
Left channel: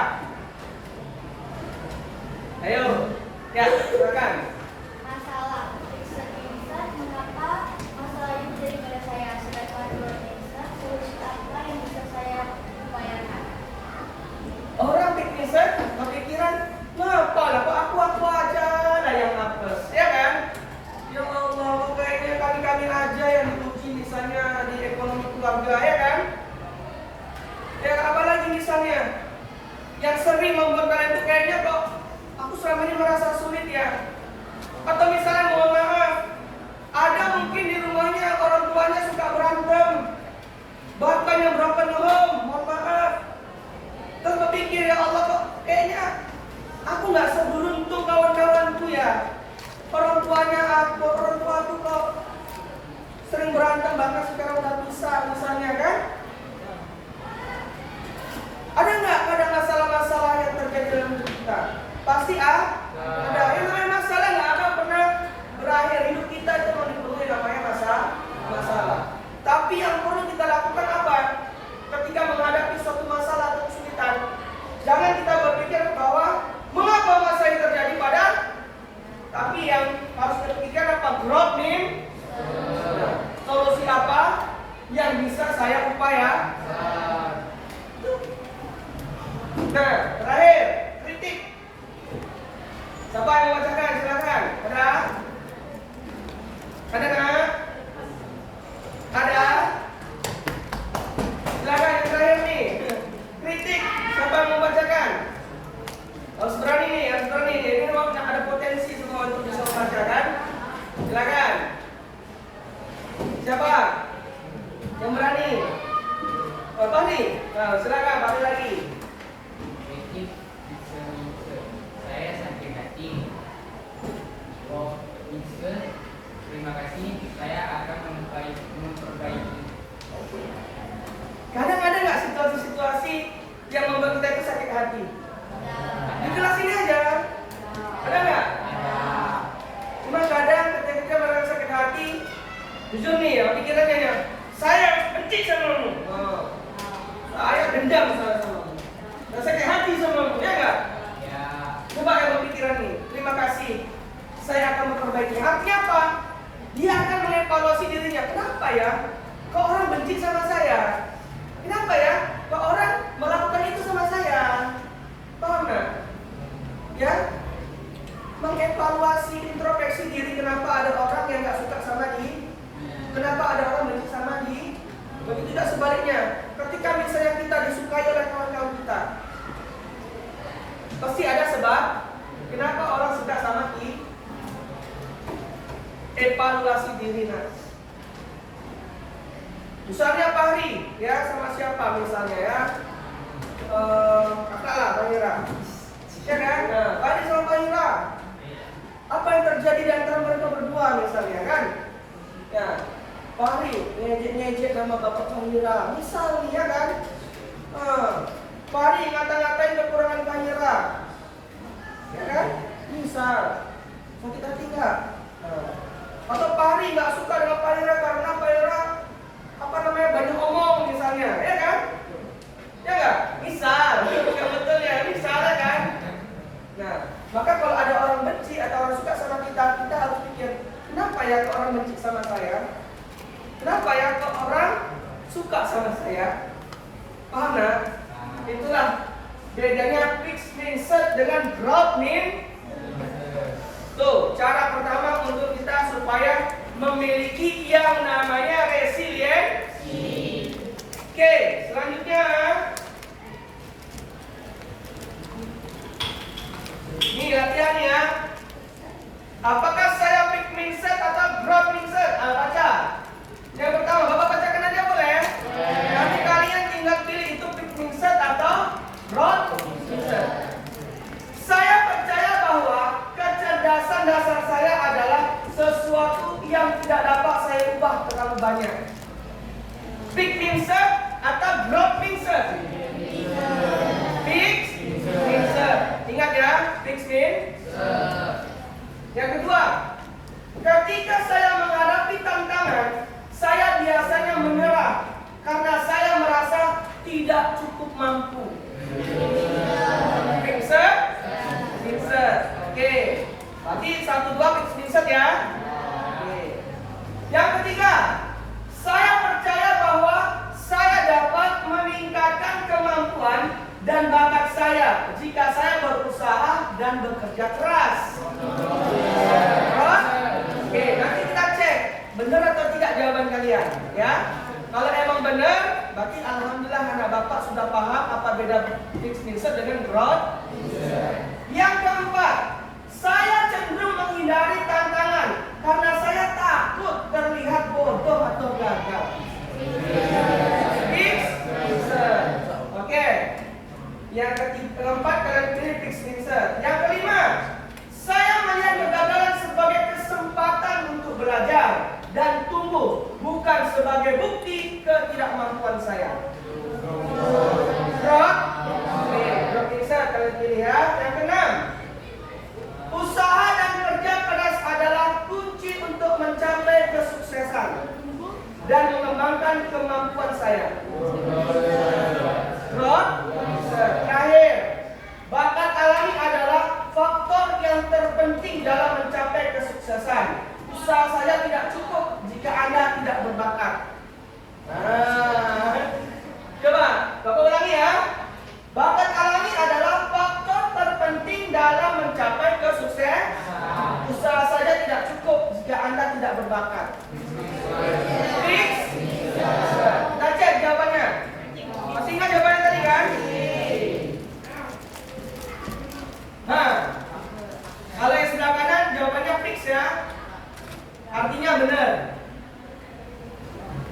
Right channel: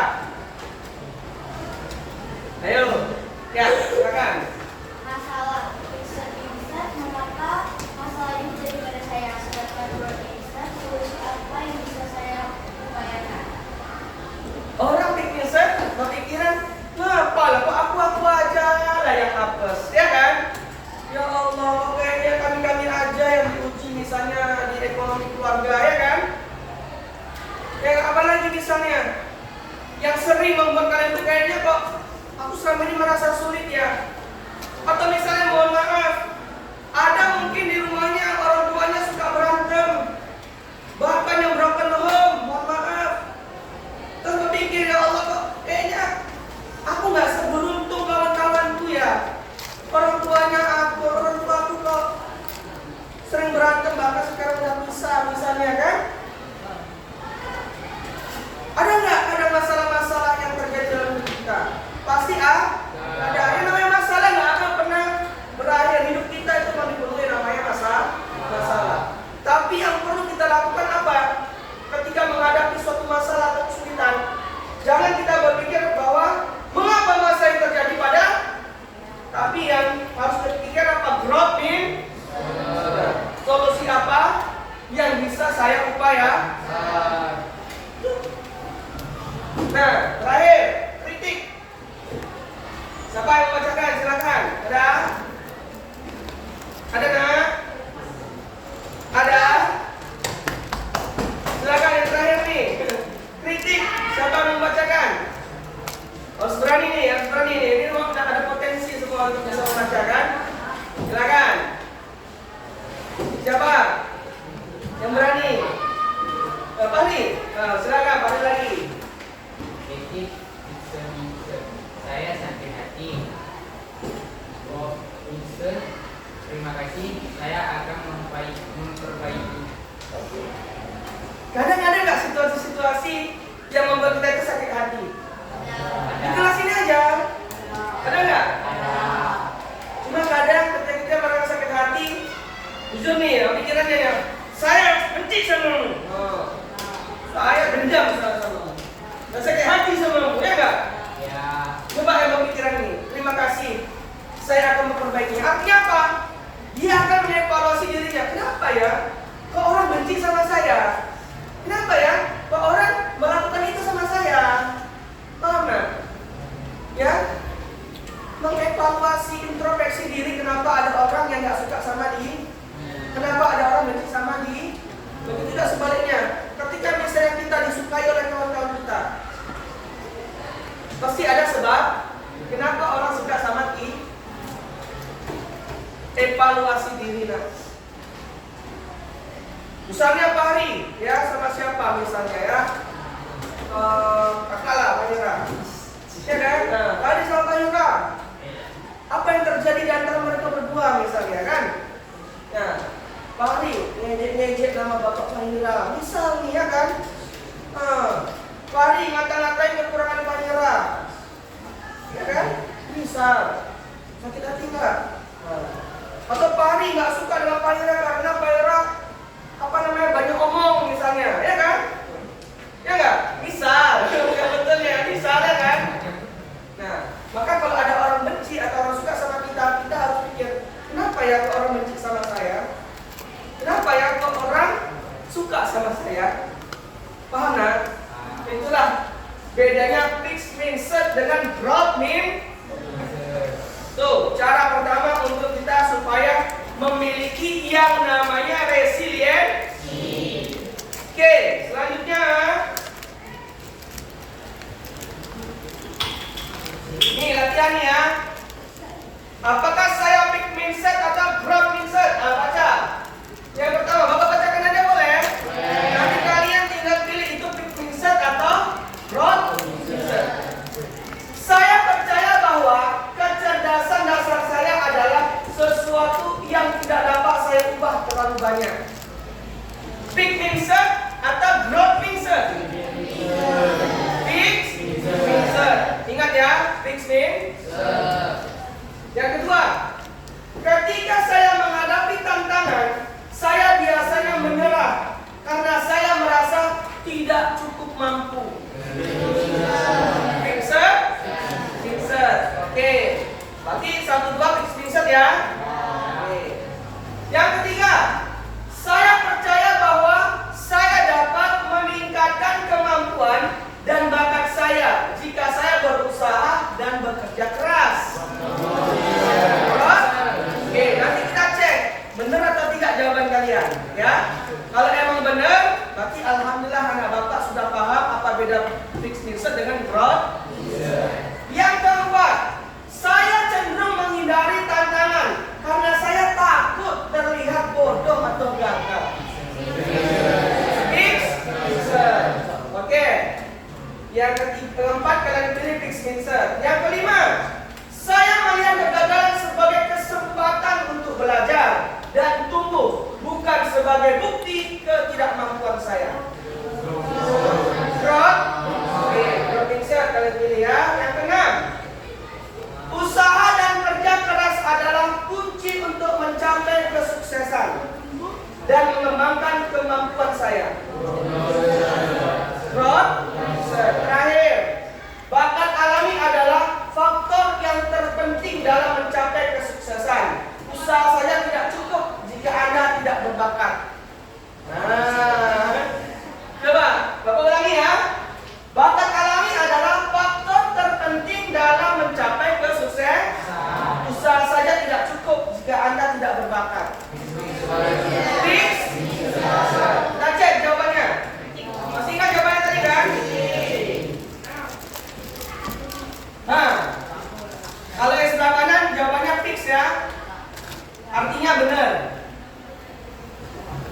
Ayo, ya silakan. Masalah fixed mindset, mengapa masalah ini terjadi pada saya, sedangkan growth mindset, solusi apa yang bisa saya upayakan? Orang fixed mindset berpikiran, ngapa lah kok aku aja lah yang apes, ya kan? Ya Allah, kayaknya kami aja yang diuji misalnya di ekonomi keluarga, ya kan? Ya apalagi misalnya yang sering membuat kalian tuh kayaknya kok aku selama ini merasa sulit ya. Atau misalnya mohon maaf, ada mungkin di rumahnya orang tuanya suka berantem, bahkan yang broken home, mohon maaf. Terus berpikir ya Allah kok kayaknya aku nggak seberuntung kawan-kawanku ya. Orang tuaku kok sering berantem bahkan sekarang udah pisah misalnya kan? Ada nggak ada masalah-masalah yang terjadi dalam hidup kita? Pasti ada. Ini namanya masalah nggak ada pernah berakhir. Hidup kita itu memang dipenuhi namanya masalah. Tapi yang perlu kita lakukan apa? Ketika menghadapi suatu masalah atau kesulitan, jangan kita berpikir bahwa mengapa masalah ini terjadi pada. Tapi yang harus kita pikirkan apa? Growth mindset. Solusi apa yang bisa saya upayakan? Nah, terakhir kritik. Siapa yang membacakan? Silakan. Ada? Ada nggak? Ada? Silakan yang terakhir nih. Kritik. Siapa yang membacakan? Harus berani nih, harus berani nih. Ini memang ada potensi semua untuk bisa membacakan. Silakan. Siapa? Yang berani? Fahri. Silakan, Fahri lagi. Saya sakit hati. saya akan memperbaikinya. Artinya apa? Dia akan mengevaluasi dirinya. Kenapa ya? Kok orang benci sama saya? Kenapa ya? Kok orang melakukan itu sama saya? Paham nggak? Ya? Mengevaluasi, introspeksi diri. Kenapa ada orang yang nggak suka sama dia? Kenapa ada orang benci sama dia? Begitu juga sebaliknya. Ketika misalnya kita disukai oleh kawan-kawan kita, pasti ada sebab. Kenapa orang suka sama kita? Evaluasi diri. Misalnya Pak Hari, ya sama siapa misalnya ya? Kakak lah, Pak Yura. Ya kan? Nah, Pak Hari sama Pak Yura. Apa yang terjadi di antara mereka berdua misalnya kan? Ya, Pak Hari ngejek-ngejek nama Bapak Pak Yura. Misal nih ya kan? Pak Hari ngata-ngatain kekurangan Pak Yura. Ya kan? Misal. Sakit hati nggak? Atau Pak Hari nggak suka dengan Pak Yura karena Pak Yura banyak omong misalnya, ya kan? Ya nggak? Misal, yang betul ya, misalnya kan? Nah, maka kalau ada orang benci atau orang suka sama kita, kita harus pikir, kenapa ya kok orang benci sama saya? Kenapa ya kok orang suka sama saya? Paham nggak? Itulah bedanya fixed mindset dengan growth mindset. Tuh, cara pertama untuk kita supaya memiliki yang namanya resiliensi. Oke, selanjutnya ini latihannya. Apakah saya fixed mindset atau growth mindset? Baca. Yang pertama, Bapak bacakan aja boleh? Nanti kalian tinggal pilih itu fixed mindset atau growth mindset. Saya percaya bahwa kecerdasan dasar saya adalah sesuatu yang tidak dapat saya ubah terlalu banyak. Fixed mindset atau growth mindset? Fixed mindset. Ingat ya, fixed mindset. Yang kedua, ketika saya menghadapi tantangan, saya biasanya menyerah karena saya merasa tidak cukup mampu. Mindset? Mindset. Oke. Berarti 1-2 fixed mindset ya. Oke. Yang ketiga, saya percaya bahwa saya dapat meningkatkan kemampuan dan bakat saya jika saya berusaha dan bekerja keras. Oke, nanti kita cek benar atau tidak jawaban kalian, ya. Kalau emang benar, berarti alhamdulillah anak bapak sudah paham apa beda fixed mindset dengan growth. Yang keempat, saya cenderung menghindari tantangan karena saya takut terlihat bodoh atau gagal. Fixed mindset. Oke. Yang keempat, kalian pilih fixed mindset. Yang kelima, saya melihat kegagalan sebagai kesempatan untuk belajar dan tumbuh, bukan sebagai bukti ketidakmampuan saya. Growth. Oke, growth mindset kalian pilih ya. Yang keenam, usaha dan kerja keras adalah kunci untuk mencapai kesuksesan dan mengembangkan kemampuan saya. Growth. Terakhir, bakat alami adalah faktor yang terpenting dalam mencapai kesuksesan. Usaha saya tidak cukup jika Anda tidak berbakat. Nah, coba Bapak ulangi ya. Bakat alami adalah faktor terpenting dalam mencapai kesuksesan. Usaha saja tidak cukup jika Anda tidak berbakat. Fix? Kita cek jawabannya. Masih ingat jawabannya tadi kan? Nah, kalau yang sebelah kanan jawabannya fix ya. Artinya benar.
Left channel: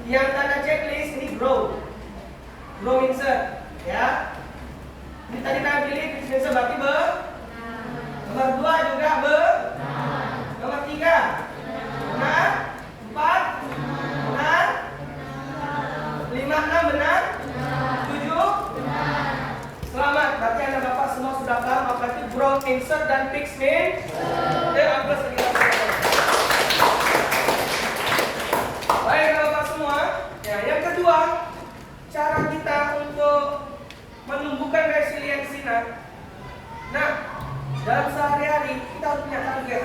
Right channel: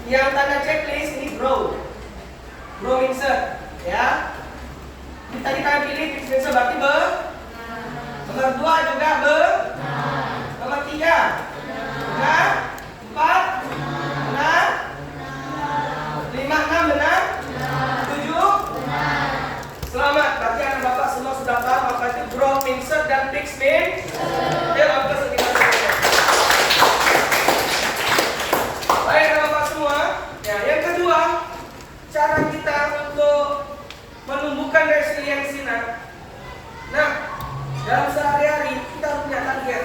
Yang tanda checklist ini grow mindset ya. Ini tadi kalian pilih fix mindset berarti nomor 2 juga nomor 3 benar, 4 benar, 5, 6 benar, 7 selamat. Berarti anak bapak semua sudah paham apa itu growth mindset dan fixed mindset. Angka sekitar. Baik anak bapak semua. Ya, yang kedua, cara kita untuk menumbuhkan resiliensi. Nah, dalam sehari-hari kita punya target.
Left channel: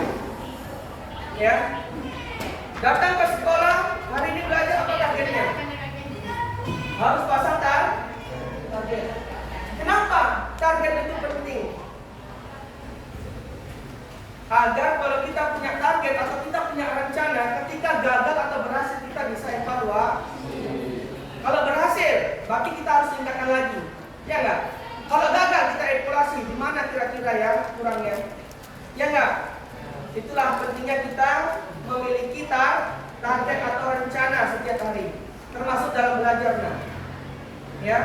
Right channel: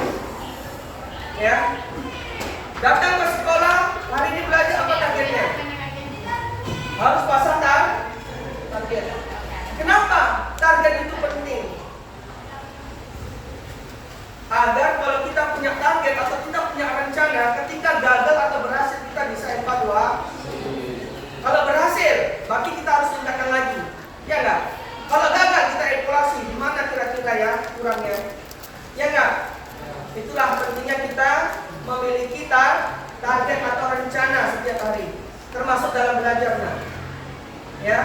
target itu penting? Agar kalau kita punya target atau kita punya rencana, ketika gagal atau berhasil kita bisa evaluasi. Kalau berhasil, berarti kita harus tingkatkan lagi, ya enggak? Kalau gagal kita evaluasi, di mana kira-kira ya kurangnya, ya enggak? Itulah pentingnya kita memiliki target atau rencana setiap hari, termasuk dalam belajar, ya,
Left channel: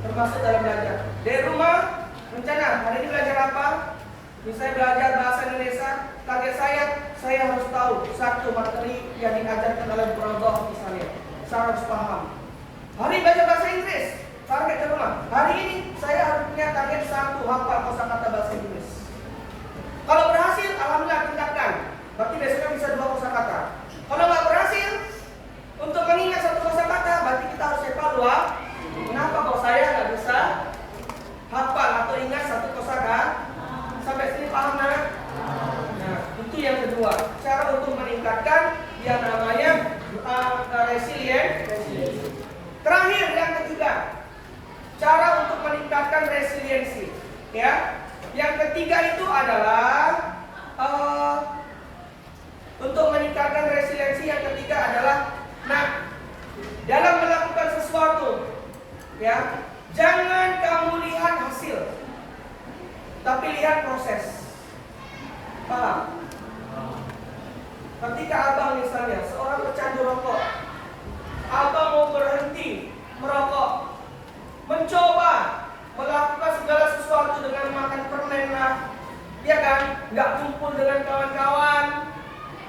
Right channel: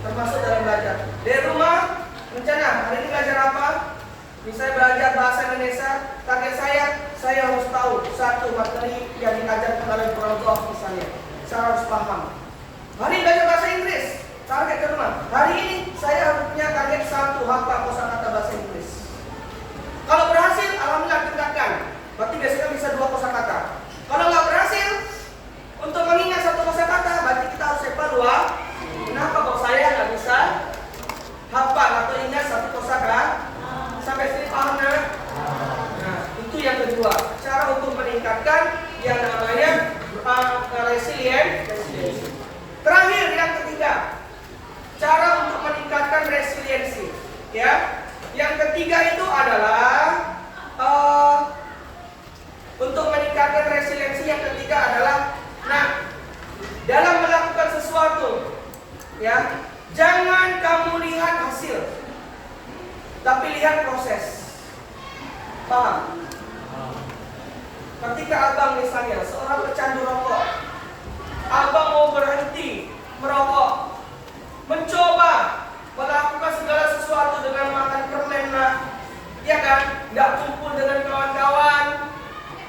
termasuk dalam belajar. Dari rumah, rencana hari ini belajar apa? Misalnya belajar bahasa Indonesia, target saya harus tahu satu materi yang diajarkan oleh Prof. Misalnya, saya harus paham. Hari ini belajar bahasa Inggris, target ke rumah. Hari ini saya harus punya target satu hafal kosakata bahasa Inggris. Kalau berhasil, alhamdulillah tingkatkan. Berarti besoknya bisa 2 kosakata. Kalau nggak berhasil, untuk mengingat 1 kosakata, berarti kita harus evaluasi. Kenapa kok saya nggak bisa hafal atau ingat 1 kosakata? Sampai sini paham kan? Nah, itu yang kedua, cara untuk meningkatkan yang namanya resilience. Terakhir yang ketiga, cara untuk meningkatkan resiliensi. Ya, yang ketiga itu adalah untuk meningkatkan resiliensi yang ketiga adalah, dalam melakukan sesuatu, ya, jangan kamu lihat hasil, tapi lihat proses. Paham? Ketika abang misalnya seorang pecandu rokok, abang mau berhenti merokok, mencoba melakukan segala sesuatu dengan makan permen lah, ya kan? Nggak kumpul dengan kawan-kawan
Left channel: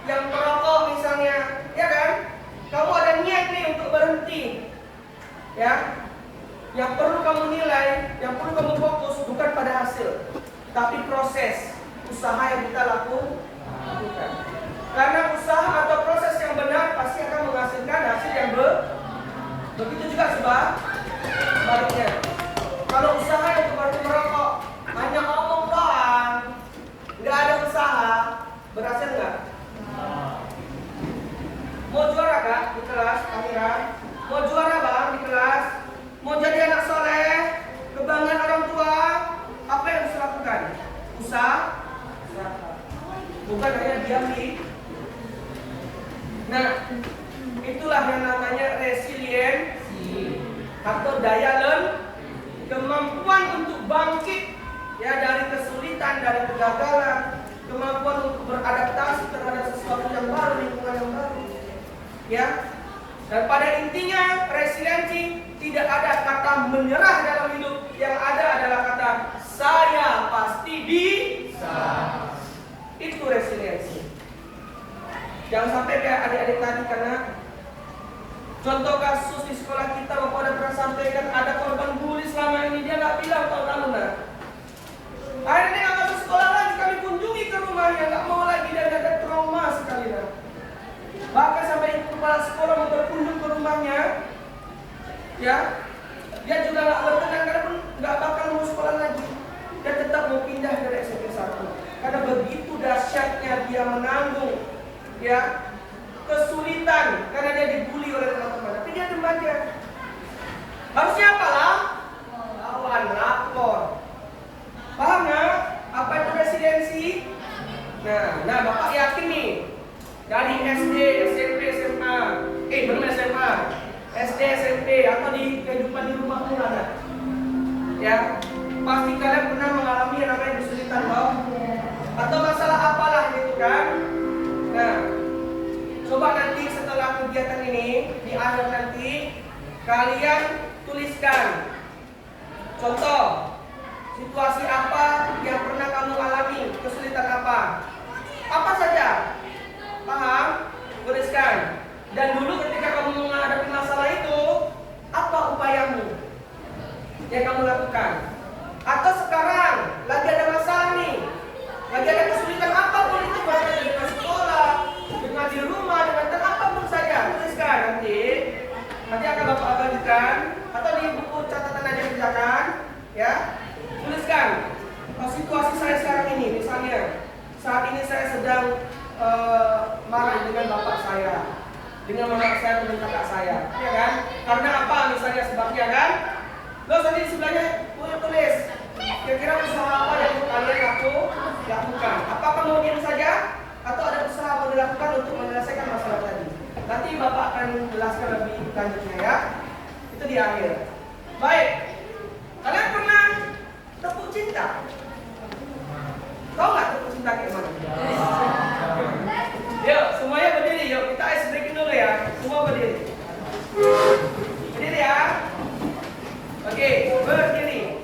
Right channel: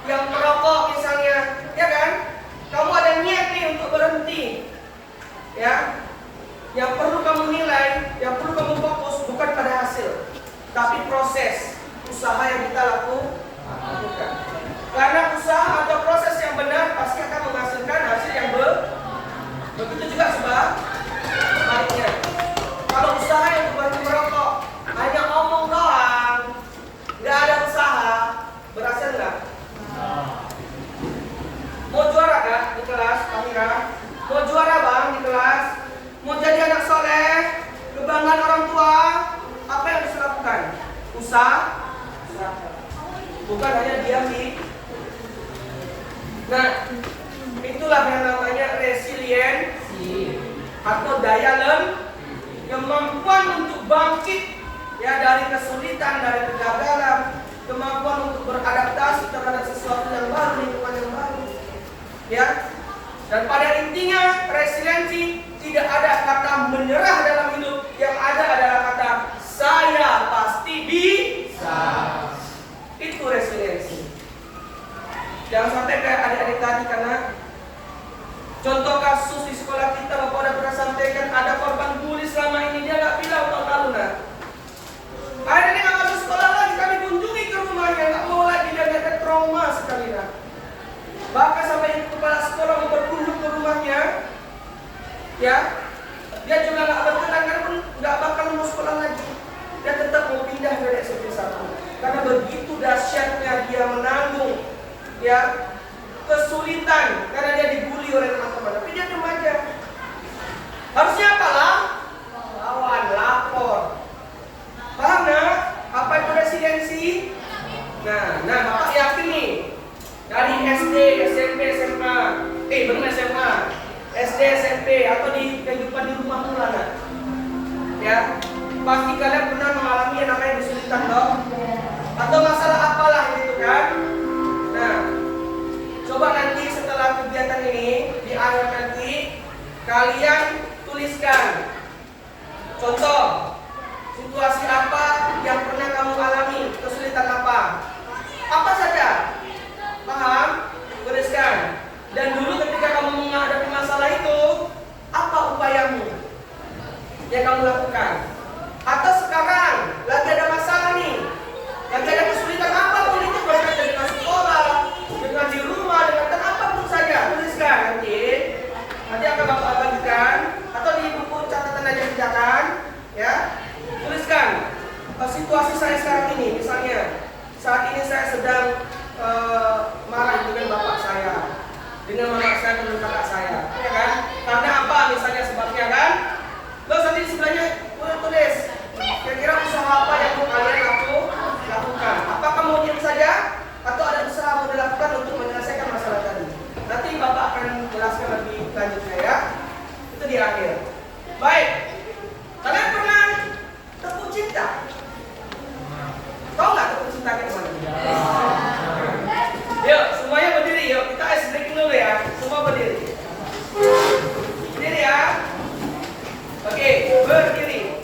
yang merokok misalnya, ya kan? Kamu ada niat nih untuk berhenti, ya? Yang perlu kamu nilai, yang perlu kamu fokus bukan pada hasil, tapi proses usaha yang kita lakukan. Karena usaha atau proses yang benar pasti akan menghasilkan hasil yang begitu juga sebaliknya. Kalau usaha yang berhenti merokok hanya ngomong doang, nggak ada usaha, berhasil nggak? Mau juara nggak di kelas, Kamira? Mau juara bang di kelas? Mau jadi anak soleh, kebanggaan orang tua, apa yang harus dilakukan? Usaha, bukan hanya diam di. Nah, itulah yang namanya resiliensi atau daya kemampuan untuk bangkit, ya, dari kesulitan, dari kegagalan, kemampuan untuk beradaptasi terhadap sesuatu yang baru, lingkungan yang baru, ya. Dan pada intinya resiliensi tidak ada kata menyerah dalam hidup, yang ada adalah kata saya pasti bisa. Itu resiliensi. Jangan sampai kayak adik-adik tadi, karena contoh kasus di sekolah kita, Bapak udah pernah sampaikan ada korban bully selama ini, dia nggak bilang Pak Taruna. Akhirnya dia nggak masuk sekolah lagi, kami kunjungi ke rumahnya, nggak mau lagi, dia ada trauma sekali lah. Bahkan sampai kepala sekolah mau berkunjung ke rumahnya, ya, dia juga nggak berkenan karena pun nggak bakal mau sekolah lagi. Dia tetap mau pindah dari SMP 1 karena begitu dahsyatnya dia menanggung, ya, kesulitan karena dia dibully oleh teman-teman. Tapi dia remaja. Harusnya apalah? Lawan, lapor. Paham nggak? Apa itu resiliensi? Nah, Bapak yakin nih, dari SD, SMP, SMA, SMA, SD, SMP, atau di kehidupan di rumah pula, kan? Ya, pasti kalian pernah mengalami yang namanya kesulitan, dong? Atau masalah apalah gitu kan? Nah, coba nanti setelah kegiatan ini, di akhir nanti, kalian tuliskan contoh situasi apa yang pernah kamu alami, kesulitan apa saja. Paham? Tuliskan. Dan dulu ketika kamu menghadapi masalah itu, apa upayamu yang kamu lakukan? Atau sekarang lagi ada masalah nih, lagi ada kesulitan apapun itu, bahkan dengan sekolah, dengan di rumah, dengan apapun saja, tuliskan nanti akan Bapak bagikan atau di buku catatan aja kerjakan, ya. Tuliskan situasi saya sekarang ini, misalnya saat ini saya sedang marah dengan bapak saya, dengan mama saya, dengan kakak saya, ya kan? Karena apa misalnya sebabnya, kan? Terus nanti sebelahnya tulis berdiri.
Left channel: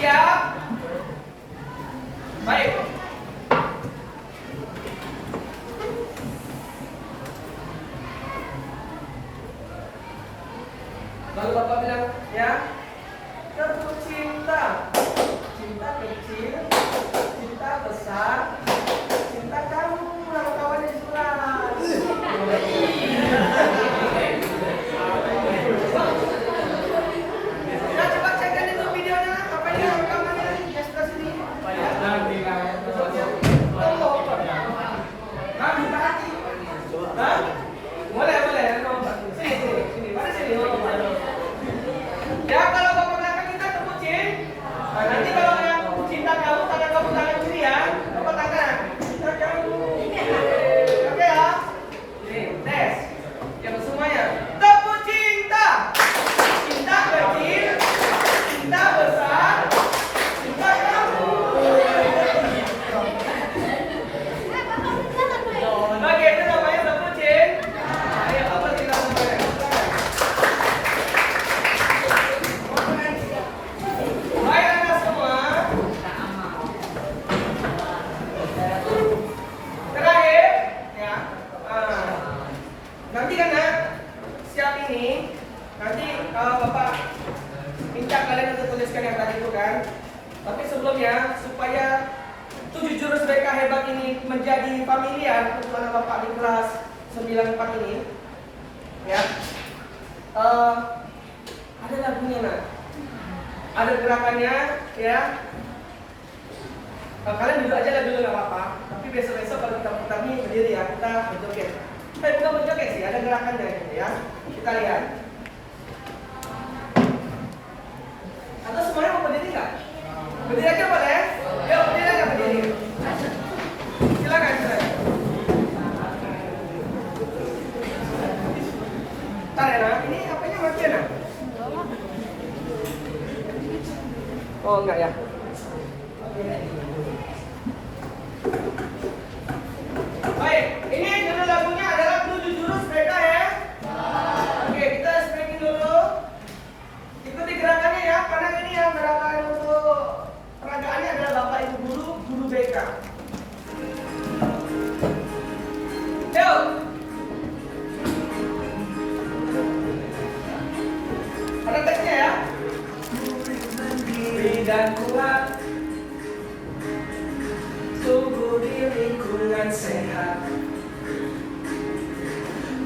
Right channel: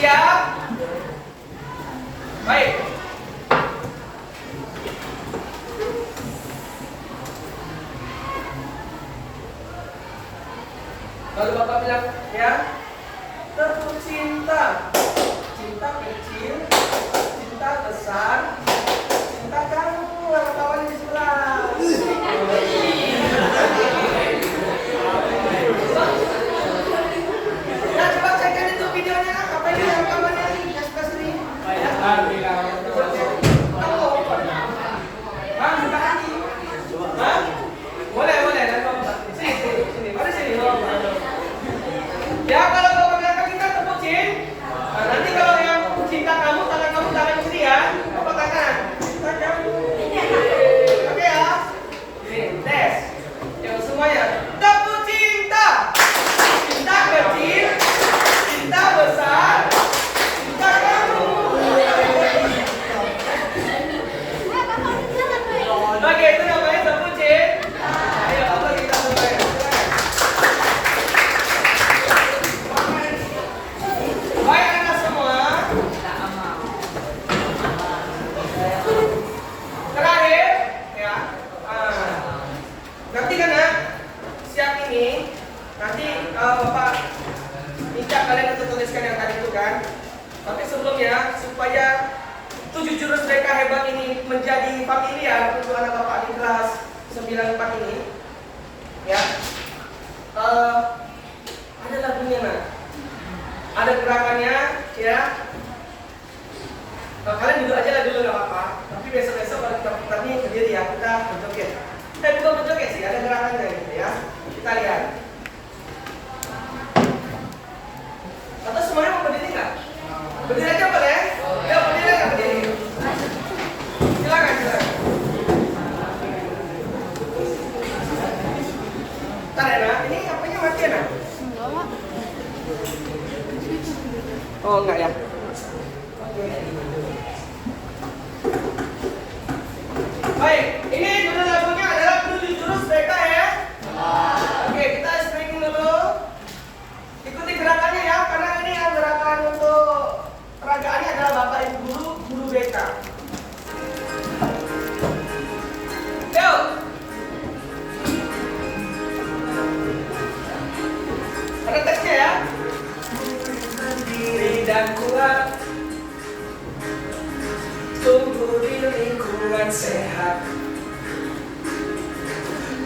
Siap? Baik. Lalu Bapak bilang, ya, tepuk cinta. Cinta kecil, cinta besar, cinta kamu. Lalu kawannya di sebelah. Nah, coba cekkan itu videonya. Apa ini rekamannya? Express ini. Ya. Kamu open. Hah, buka hati. Hah? Boleh. Sini. Mari sini. Ya, kalau Bapak bilang kita tepuk cinta. Nah, nanti kalau yang cinta kamu, tangan kiri ya. Bapak tangan. Cinta kamu. Oke ya. Ini tes. Yang semuanya tepuk cinta. Cinta kecil, cinta besar, cinta kamu. Oke, itu namanya tepuk cinta. Ayo, Bapak kita mulai. Baik anak semua. Terakhir, ya. Nanti kan ya, siap ini. Nanti Bapak minta kalian untuk tuliskan yang tadi itu kan. Tapi sebelumnya, supaya 7 jurus mereka hebat ini menjadi familiar untuk anak Bapak di kelas 94 ini, ya. Ada lagunya nak. Ada gerakannya, ya. Kalian duduk aja lah dulu nggak apa-apa. Tapi besok-besok kalau kita putar nih berdiri ya, kita berjoget. Bukan berjoget sih, ada gerakannya gitu ya. Kita lihat. Atau semuanya mau berdiri nggak? Berdiri aja boleh? Ya berdiri aja berdiri. Silakan. Ntar ya nak, ini apanya mati ya nak? Oh enggak ya? Baik, ini judul lagunya adalah 7 jurus BK ya. Oke, kita streaming dulu. Ikuti gerakannya ya, karena ini yang gerakan untuk peragaannya adalah Bapak Ibu guru BK. Yuk. Ada teksnya ya. Diri dan kuat, tumbuh di lingkungan sehat,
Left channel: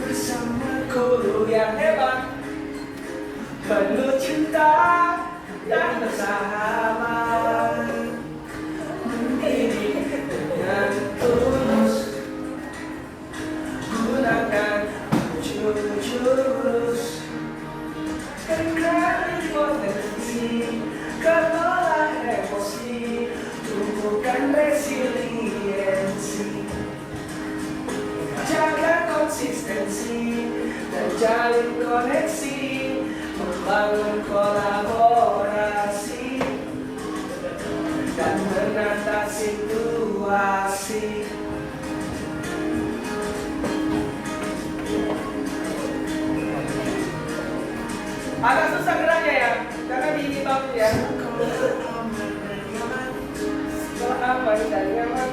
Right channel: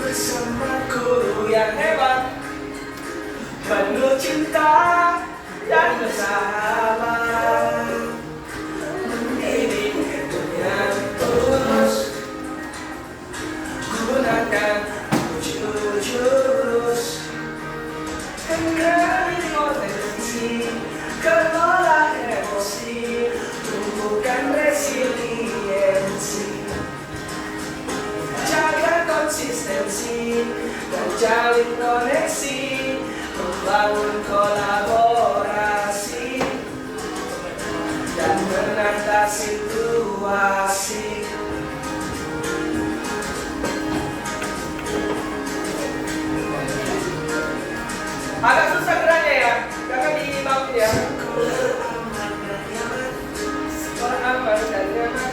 bersama guru yang hebat, penuh cinta dan bersahabat, mendidik dengan tulus, gunakan 7 jurus, kenali potensi, kelola emosi, tumbuhkan resiliensi, jaga konsistensi dan jalin koneksi, membangun kolaborasi dan menata situasi. Agak susah geraknya ya, karena di bawah ya. Aman dan nyaman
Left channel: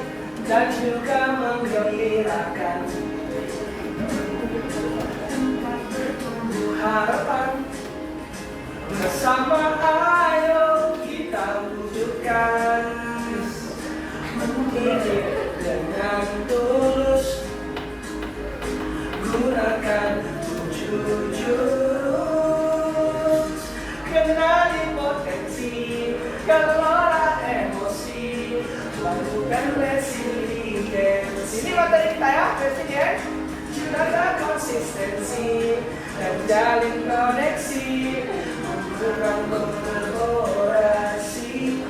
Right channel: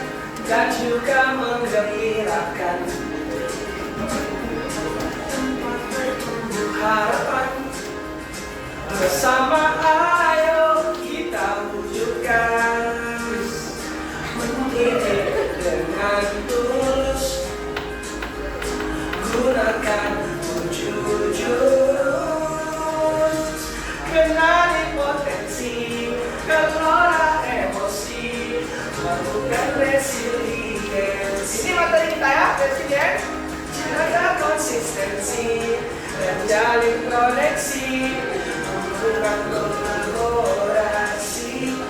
dan juga menggembirakan, tempat bertumbuh harapan, bersama ayo kita wujudkan, mendidik dengan tulus, gunakan 7 jurus, kenali potensi, kelola emosi, lakukan resiliensi. Ini materi kita ya, resilient, jaga konsistensi dan jalin koneksi, membuat kolaborasi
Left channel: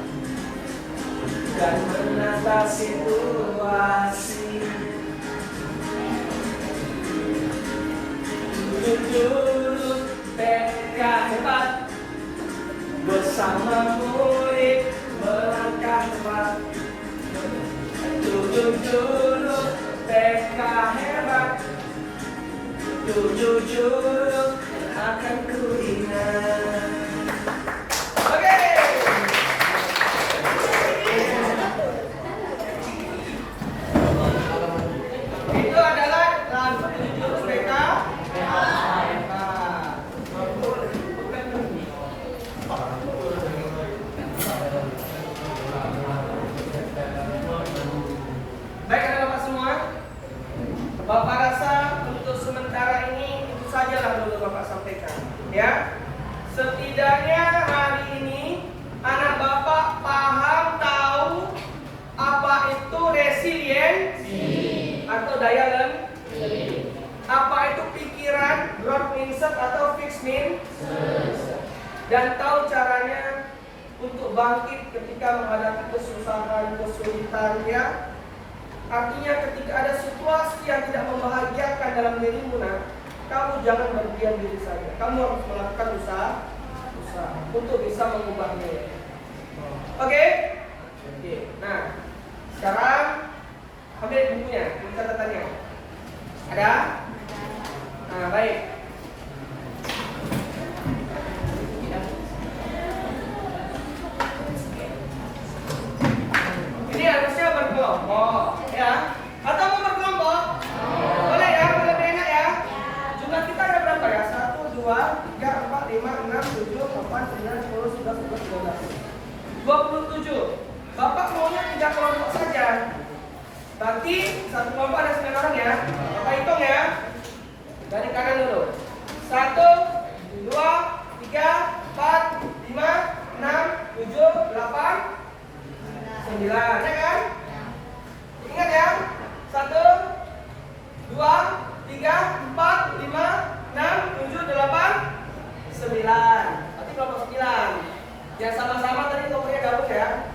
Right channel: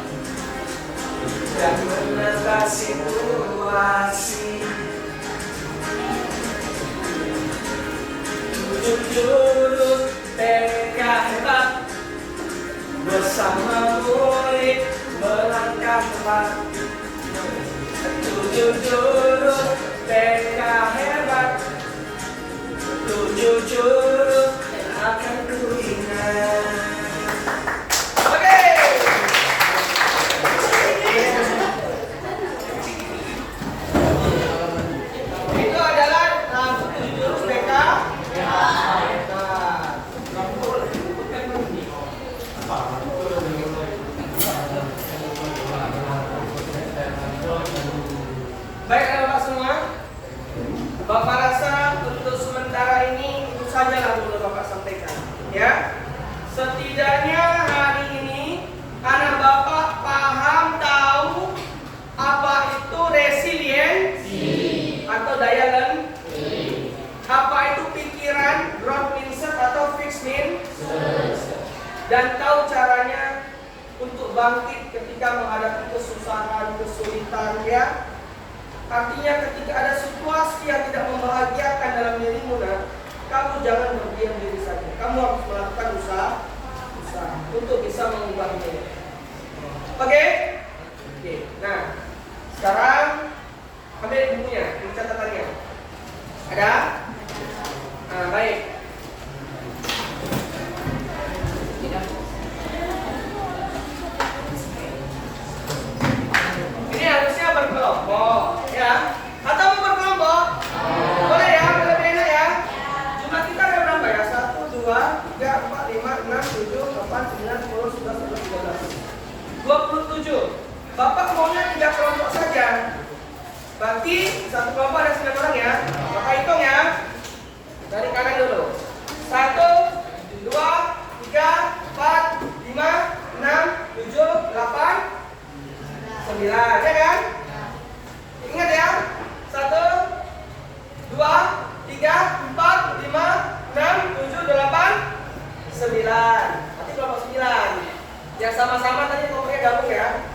dan menata situasi. 7 jurus TK hebat, bersama murid melangkah tepat. 7 jurus TK hebat, 7 jurus akan ku ingat. Baik, ada Bapak semua. Bapak rasa untuk sementara ini itu sajalah dulu Bapak sampaikan, ya. Setidaknya hari ini anak Bapak paham tahu apa itu resiliensi atau daya lentih. Apa itu pikiran, growth mindset atau fixed mindset. Dan tahu caranya untuk bangkit ketika menghadapi kesusahan, kesulitan, ya. Artinya ketika ada situasi yang tidak membahagiakan dalam dirimu, kamu jangan berdiam diri saja. Kamu harus melakukan usaha untuk bisa mengubahnya. Oke? Nah, sekarang ambil bukunya, catatannya. Ada? Nah, baik. Ini harusnya berkelompok, ya. Atau mau berkelompok? Boleh ya, lebih enak ya. Jumlah kita ada berapa ya? 1, 2, 3, 4, 5, 6, 7, 8, 9, 10, 11, 12, 13, 27. Bapak maunya 3 kelompok saja. Berarti satu kelompok ada 9 orang ya. Bapak hitung ya. Dari kanan dulu. 1, 2, 3, 4, 5, 6, 7, 8, 9, ya kan? Ingat ya. 1, 2, 3, 4, 5, 6, 7, 8, 9. Nanti kelompok 9. Yang sama-sama tadi kelompoknya gabung ya.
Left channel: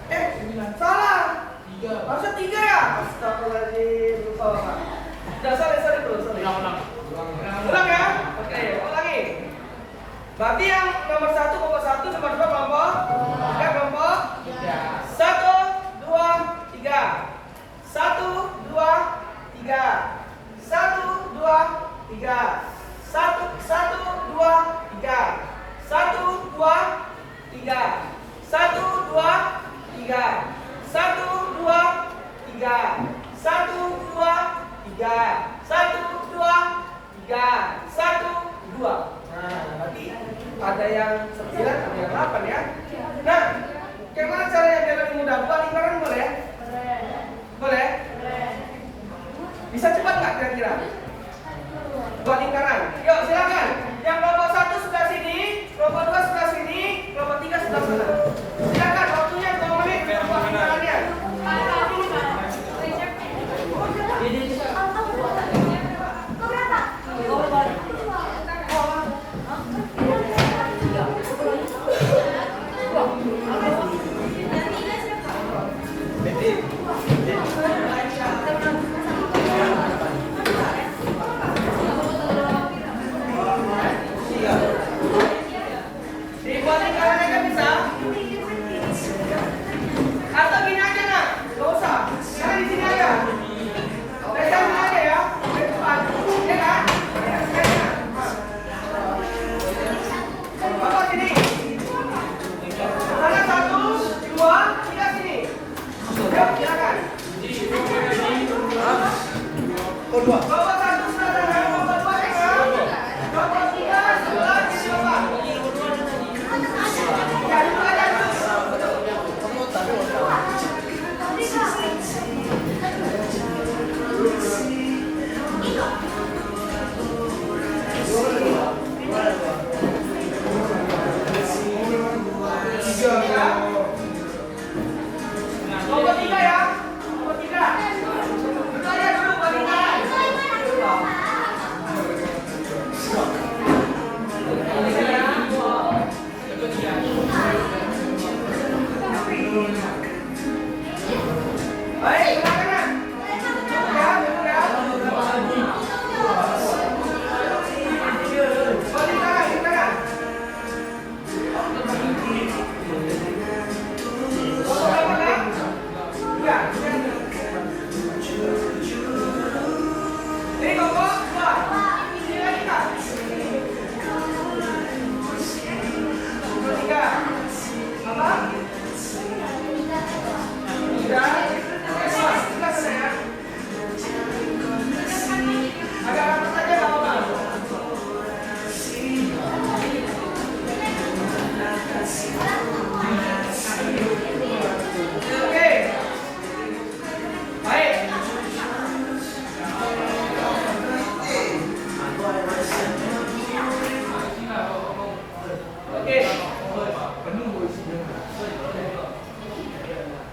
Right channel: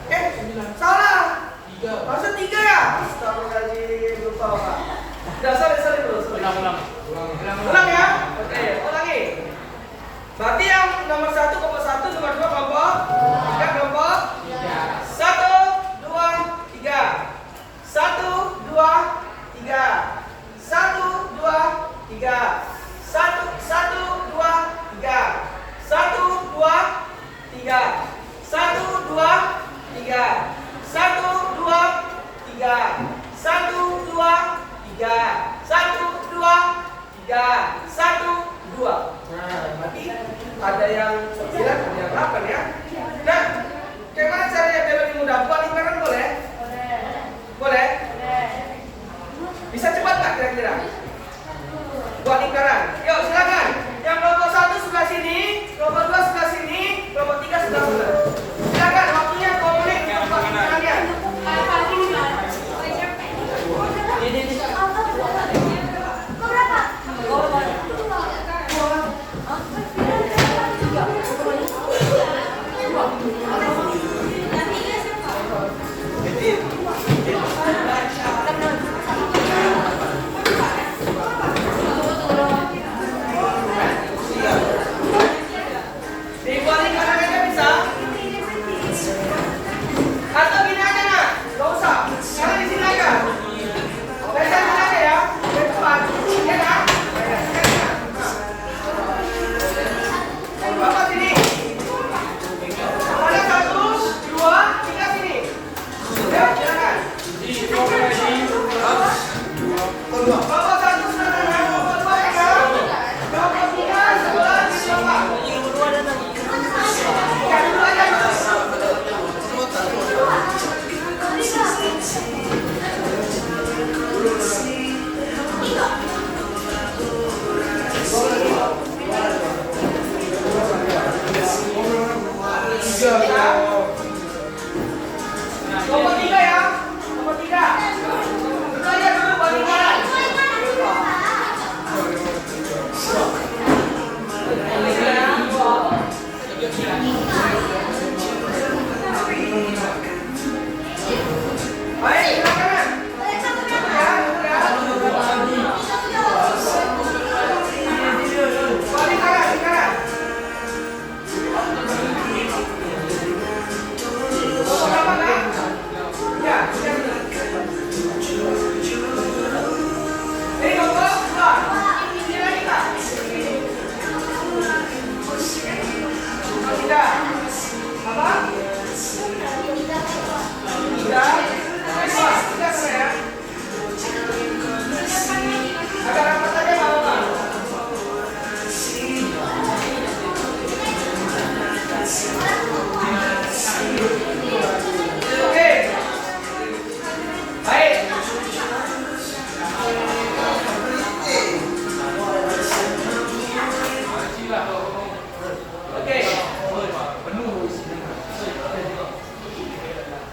Salah. 3. Masa 3 ya? Astagfirullahaladzim, lupa Pak. Udah sorry bro, sorry. Ulang ya? Oke, ulangi. Berarti yang nomor 1 kelompok 1, nomor 2 kelompok 3 kelompok 1, 2, 3. 1, 2, 3. 1, 2, 3. 1, 2, 3. 1, 2, 3. 1, 2, 3. 1, 2, 3. 1, 2, 3. 1, 2, 3. 1, 2. Nah, berarti ada yang 9, ada yang 8 ya. Nah, bagaimana caranya biar lebih mudah? Buat lingkaran boleh? Boleh? Bisa cepat nggak kira-kira? Buat lingkaran. Yuk silakan. Yang kelompok 1 sebelah sini, kelompok 2 sebelah sini, kelompok 3 sebelah sana. Silakan, waktunya 2 menit untuk buat lingkarannya. Dibuat lingkaran aja bisa. Atau gini aja nak, nggak usah. Karena di sini aja. Dari sini aja ya. Dari depan. Ya kan? Bapak sini. Mana 1, 2, 3 sini. Ya, silakan. Bapak 1 sebelah sana, bapak 2 ya. Bapak 3 sebelah sini bapak. Ya, dulu aja dulu. Nomor 3 ya. Nomor 3. Saya dulu bandingkan. Baik, silakan. Apa?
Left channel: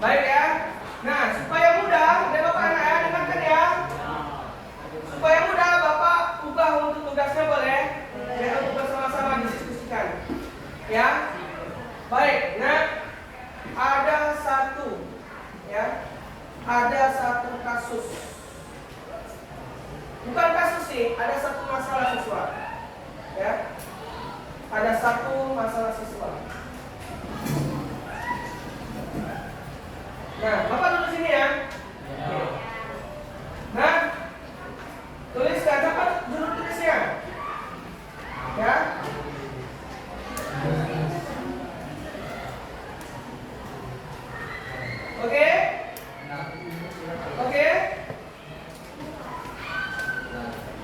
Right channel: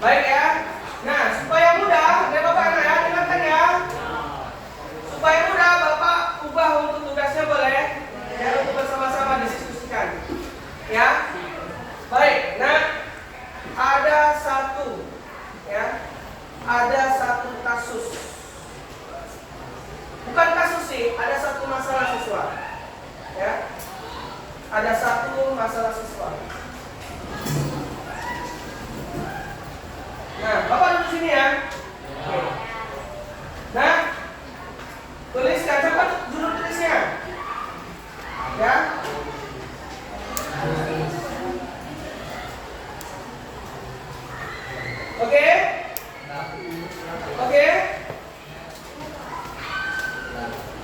Baik ya. Nah, supaya mudah, udah Bapak anak ya, dengarkan ya. Supaya mudah, Bapak ubah untuk tugasnya boleh? Ya, untuk bersama-sama didiskusikan. Ya. Baik. Nah, ada satu kasus. Bukan kasus sih, ada satu masalah siswa. Ya. Ada satu masalah siswa. Nah, Bapak duduk sini ya. Nah, tuliskan, cepat dulu tulisnya. Ya. Oke? Oke?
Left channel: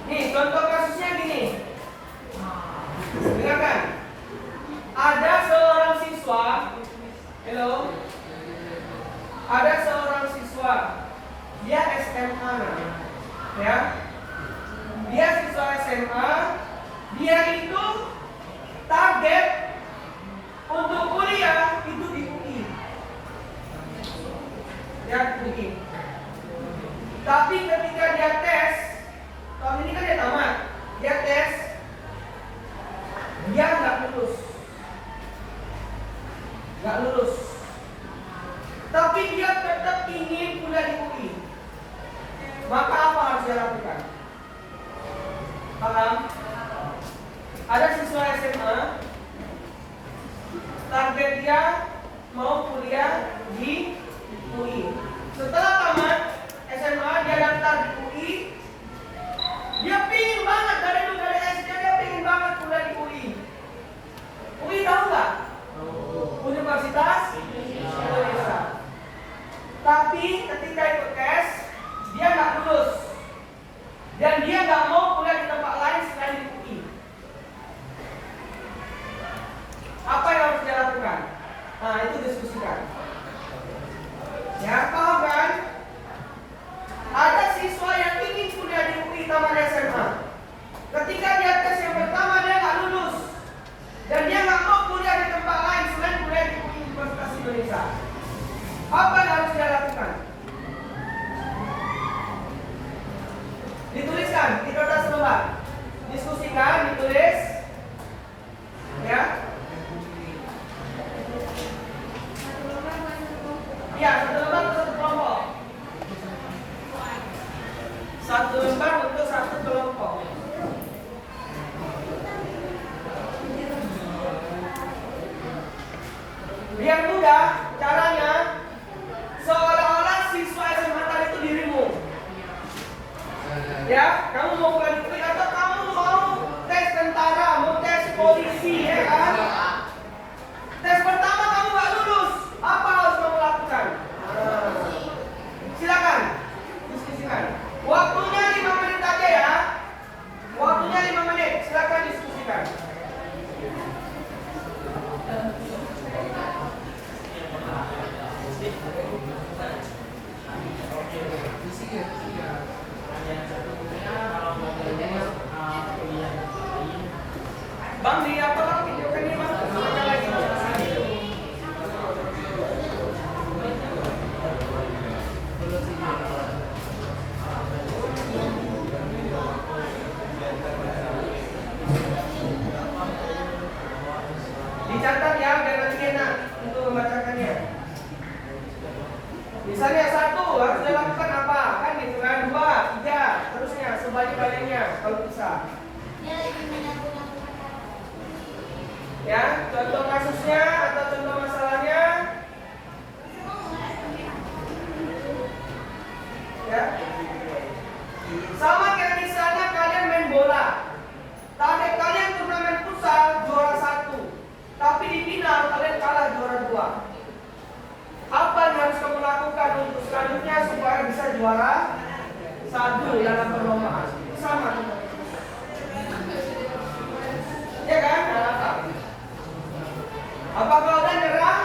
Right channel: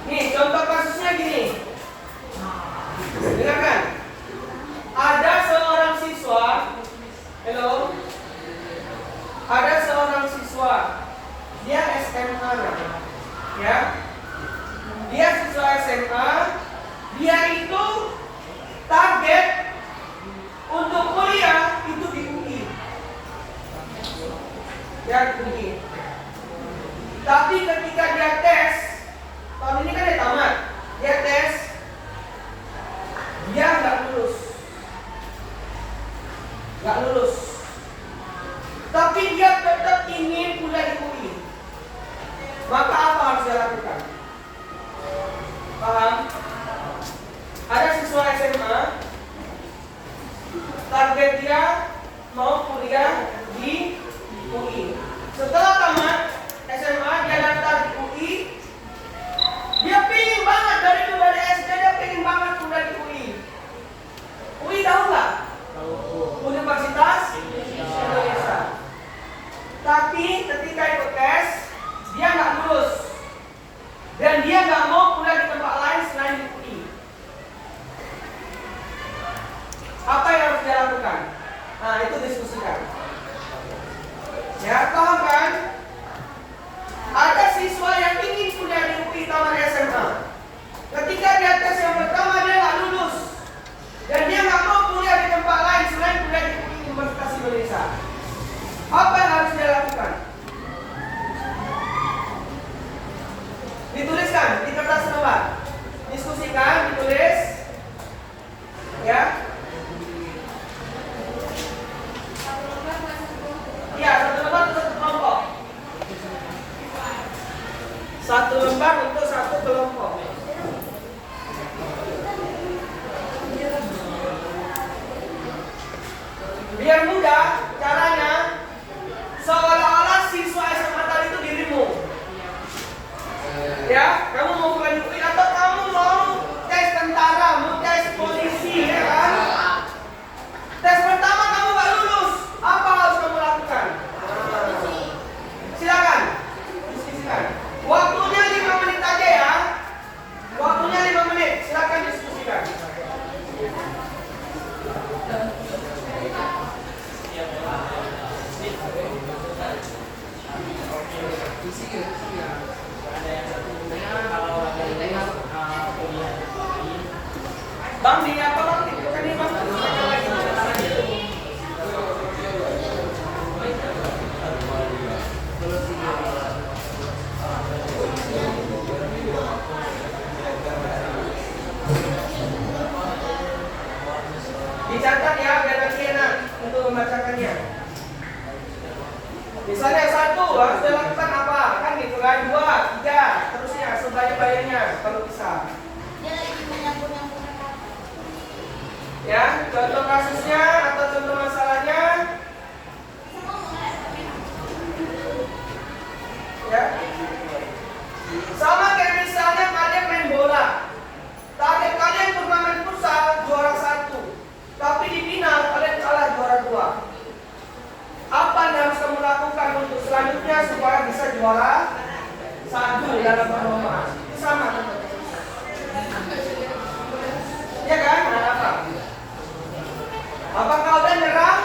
Nih, contoh kasusnya gini. Dengarkan. Ada seorang siswa. Hello. Ada seorang siswa. Dia SMA namanya. Ya. Dia siswa SMA. Dia itu target untuk kuliah itu di UI. Ya, UI. Tapi ketika dia tes, tahun ini kan dia tamat. Dia tes, dia nggak lulus. Tapi dia tetap ingin kuliah di UI. Maka apa harus dia lakukan? Paham? Ada siswa SMA, target dia mau kuliah di UI. Setelah tamat SMA, dia daftar di UI. Dia pingin banget dari SD, dia pingin banget kuliah di UI. UI tahu nggak? Universitas Indonesia. Tapi ketika ikut tes, dia nggak lulus. Dan dia nggak mau kuliah di tempat lain selain di UI. Apa yang harus dia lakukan? Nah, itu diskusikan. Ya, paham kan? Ada siswa yang ingin kuliah di UI taman SMA. Ketika dia tes yang pertama, dia nggak lulus. Dan dia nggak mau kuliah di tempat lain selain kuliah di UI Universitas Indonesia. Apa yang harus dia lakukan? Dituliskan di kertas lembar. Diskusikan, ditulis. Ya. Ya, satu lembar untuk satu kelompok. Satu lembar untuk satu kelompok. Biar mudah caranya, seolah-olah siswa SMA tadi itu dirimu. Ya, kamu mau kuliah di UI atau kamu mau tes tentara, mau tes polisi, ya kan? Tes pertama kamu nggak lulus, apa harus kamu lakukan? Silakan, diskusikan. Waktunya 5 menit aja ya. Waktunya 5 menit, silakan diskusikan. Bang, di apa bang? Kan dia bang. Dicatat ya, biar nanti enak untuk membacakannya. Misalnya 1 harus dilakukan apa? Kan gitu kan, 2, 3, terusnya sebagai-bagainya kalau bisa. Dia lagi menyapu. Ya, contoh kasusnya atau contoh masalahnya. Ya. Sama kayak misalnya kalian main bola. Target kalian turnamen futsal juara 1. Tapi di final kalian kalah juara 2. Apa yang harus kamu lakukan untuk selanjutnya supaya bisa juara 1 dalam perlombaan? Itu sama. Ya kan? Apa? Apakah udah nyerah?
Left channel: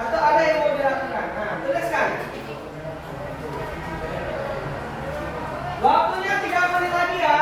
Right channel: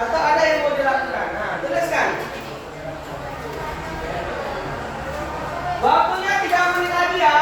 Atau ada yang mau dilakukan? Nah, tuliskan. Waktunya 3 menit lagi ya.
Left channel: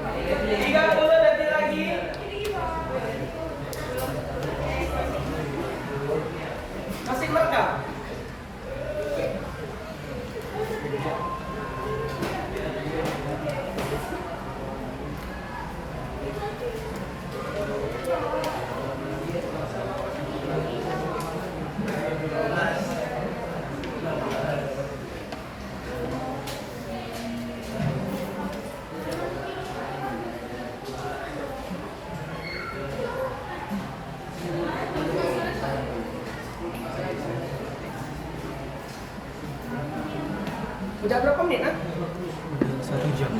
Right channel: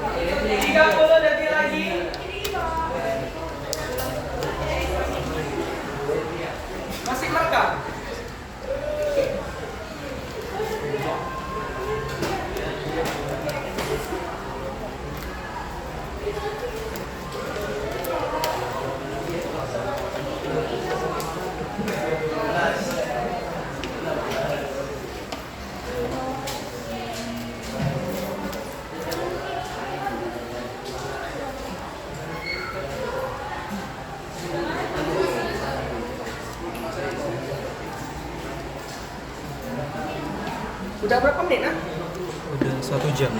30 detik lagi. Masih merekam? Udah berapa menit, ah? Udah 1 jam.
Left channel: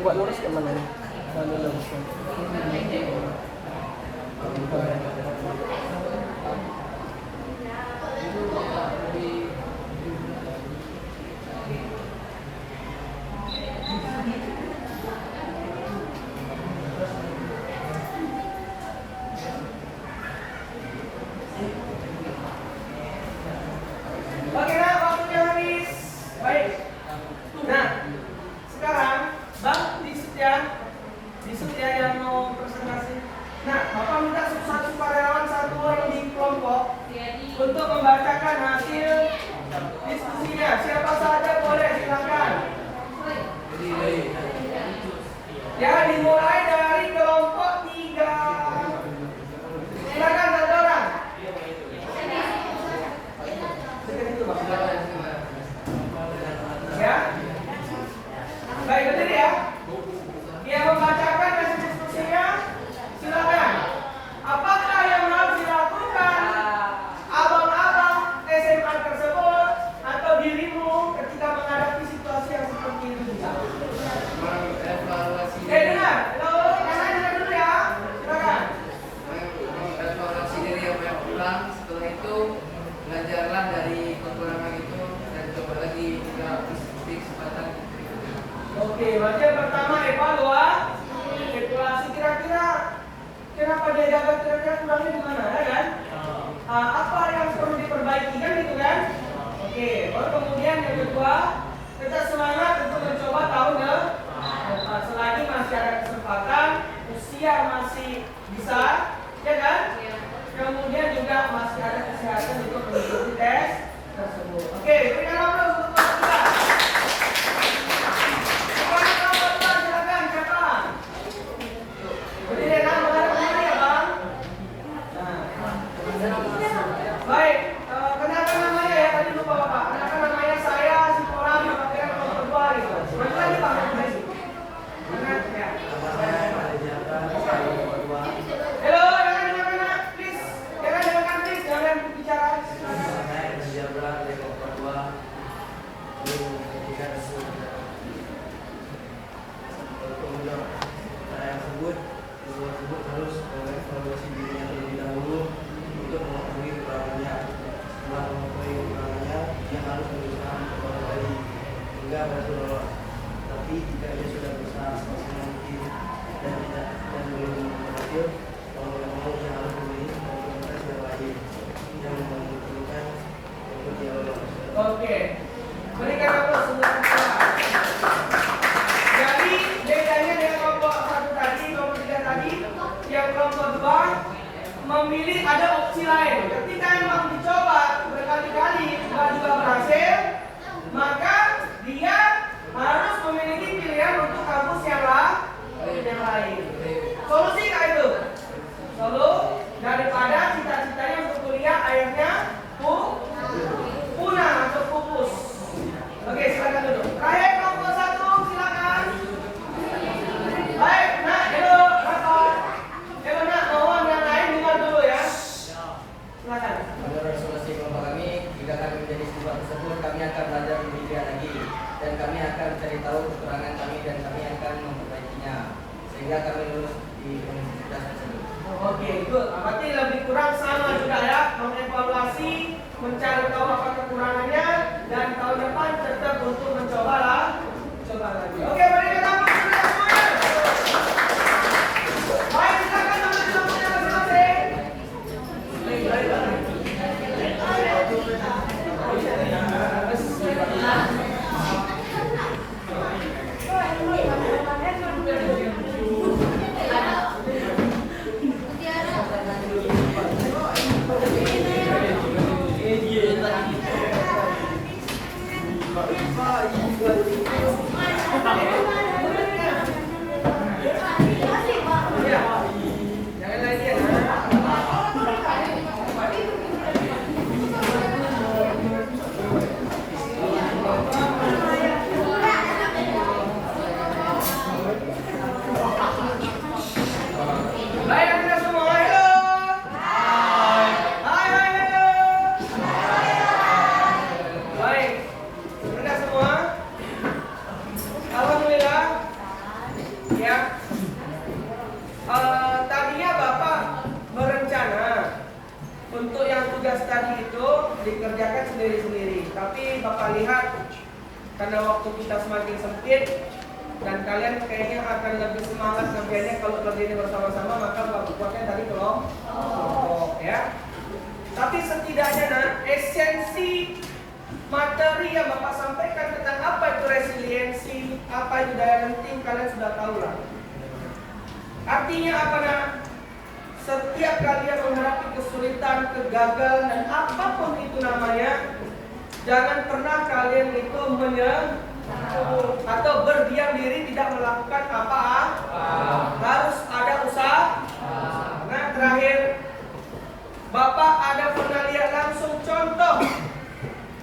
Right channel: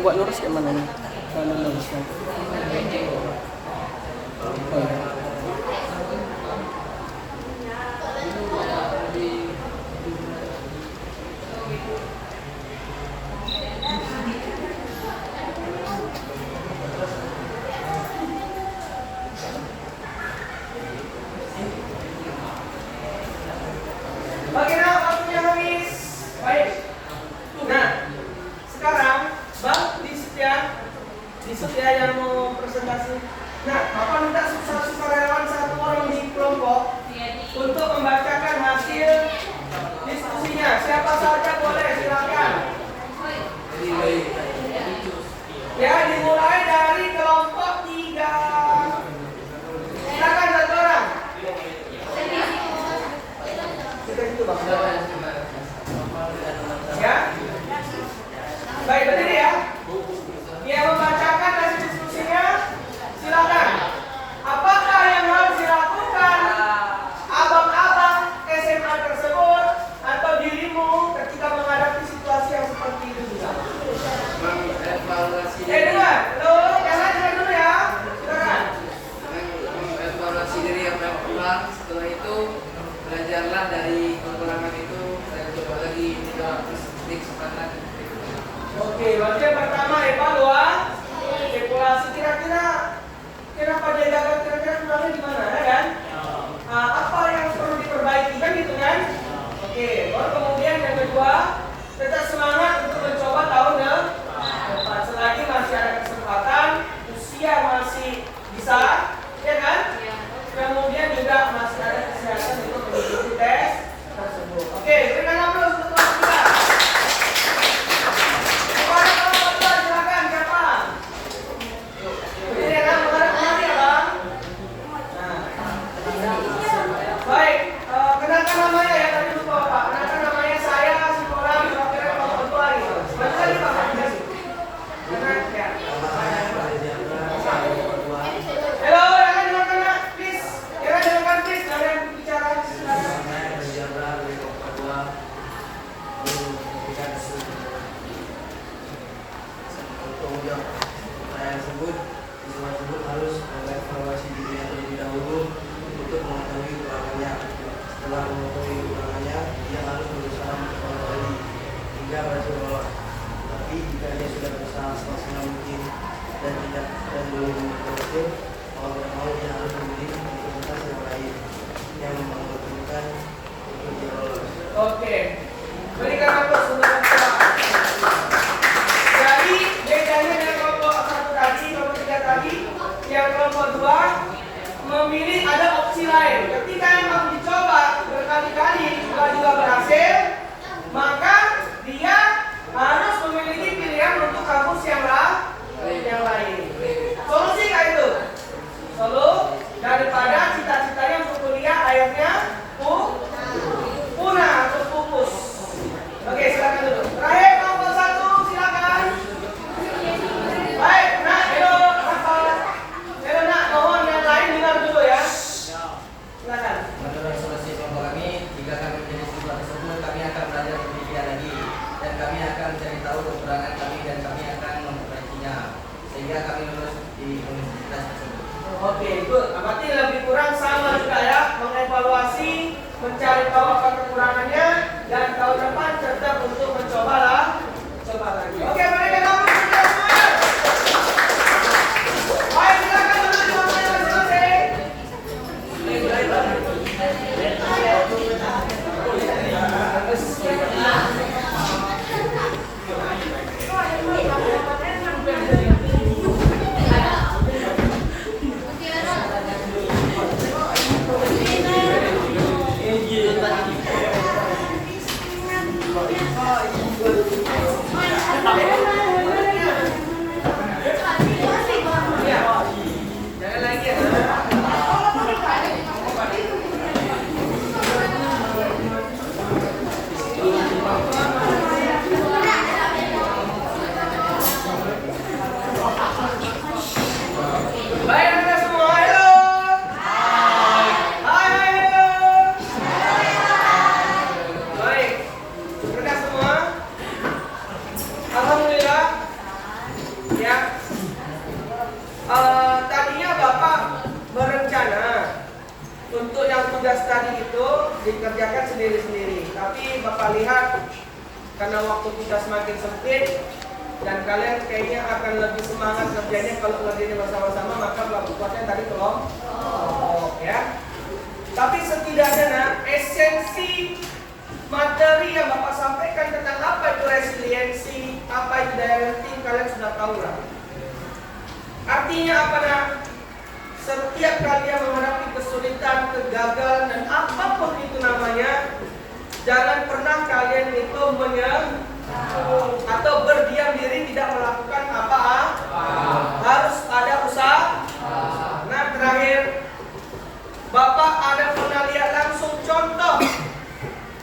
Buat lurus ke mana? Mana luruskan? Oke, nah waktunya habis. Baik. Nah, sekarang Bang di Setia yang mau presentasi. Nah, Bapak minta satu karyawan satu orang di kelompok untuk membacakan hasil diskusinya. Siapa saja boleh, silakan. Ya, dimulai dari kelompok 3. Silakan satu orang. Ya. Baik, berdiri ya. Yang membacakan hasil diskusinya, silakan. Apakah yang harus dilakukan abang-abang SMA tersebut atau dirimu ketika menghadapi situasi yang seperti itu juga? Dengar. Halo, jangan dengar dulu ya. Silakan. Mengevaluasi diri yang pernah pulang, setelah itu belajarlah dari kekurangan itu dan coba lagi tidak di kesempatan berikutnya. Oke, berarti yang pertama evaluasi kira-kira kenapa dia gagal, kira-kira kurangnya di mana, ya kan? Apa yang perlu diperbaiki kan gitu kan? Oke, baru kemudian yang kedua tetap semangat untuk mencoba tahun depan. Selagi masih ada kesempatan, usia masih bisa, ya kan? Kemudian juga masih ada kesehatan untuk mengikuti tes tersebut. Oke, berikan aplaus untuk kelompok kita. Kepada kelompok kita, silakan siapa? Berdiri kan, menghadap kemari ya bang. Nah, baik, kenalkan namanya ya tadi lupa bapak. Kenalkan namanya saya, Sitoran, perwakilan kelompok kedua gitu. Betul lagi pak, betul. Ya. Halo, jangan please. Jangan please, jangan bicara. Harus mengevaluasi dirinya terlebih dahulu untuk mengetahui kekurangannya. Setelah mengetahui kekurangannya, dia harus berusaha mencoba lagi hingga berhasil lolos. Tapi jika dia sudah berusaha semaksimal mungkin dan belum berhasil, mau tidak mau dia harus memilih otoritas yang lain yang memungkinkan untuk dia lolos. Oke, berikan aplaus untuk kita. Jadi bedanya dengan kelompok 1 tadi, kelompok 3 tadi, yang kelompok 2 memilih ada opsi lain. Ketika memang dicoba berkali-kali juga berhasil, maka dia harus memiliki pilihan untuk kampus yang lain. Solusi kayak itu. Solo daripada cita-citanya untuk kuliah akhirnya punah atau pupus. Oke, silakan dulu. Terakhir kelompok 1, silakan. Baik, nak, hello, rapat. Hello, nak, mohon yang lain dengar dulu ya. Silakan. Menurut solusi kelompok kami, jika kami jadi siswa tersebut, kami akan belajar demikian lagi dan kami akan mencari tahu kekurangan kami dan kami akan memperbaikinya sehingga kami lulus di universitas tersebut. Oke, good. Berarti lebih kurang sama juga ya, mengevaluasi, mencari tahu apa kekurangannya dan tahun depan tetap untuk mencoba karena waktu kita semakin sempit dan kalian kayaknya akan lebih semangat kerjanya kalau kerjanya bersama-sama, maka buatnya tadi kelompok ya. Tapi setidaknya nah, esensi materi yang Bapak sampaikan tentang apa itu resiliensi, apa itu daya renting, kalian sudah tahu lah. Artinya apa nah? Setiap kalian menghadapi kesulitan, kegagalan dan apapun itu namanya, jangan pernah kalian itu menyerah atau berdiam diri tidak melakukan apa. Harus ada usaha. Nah terakhir, Bapak ada pernah lihat langsung contoh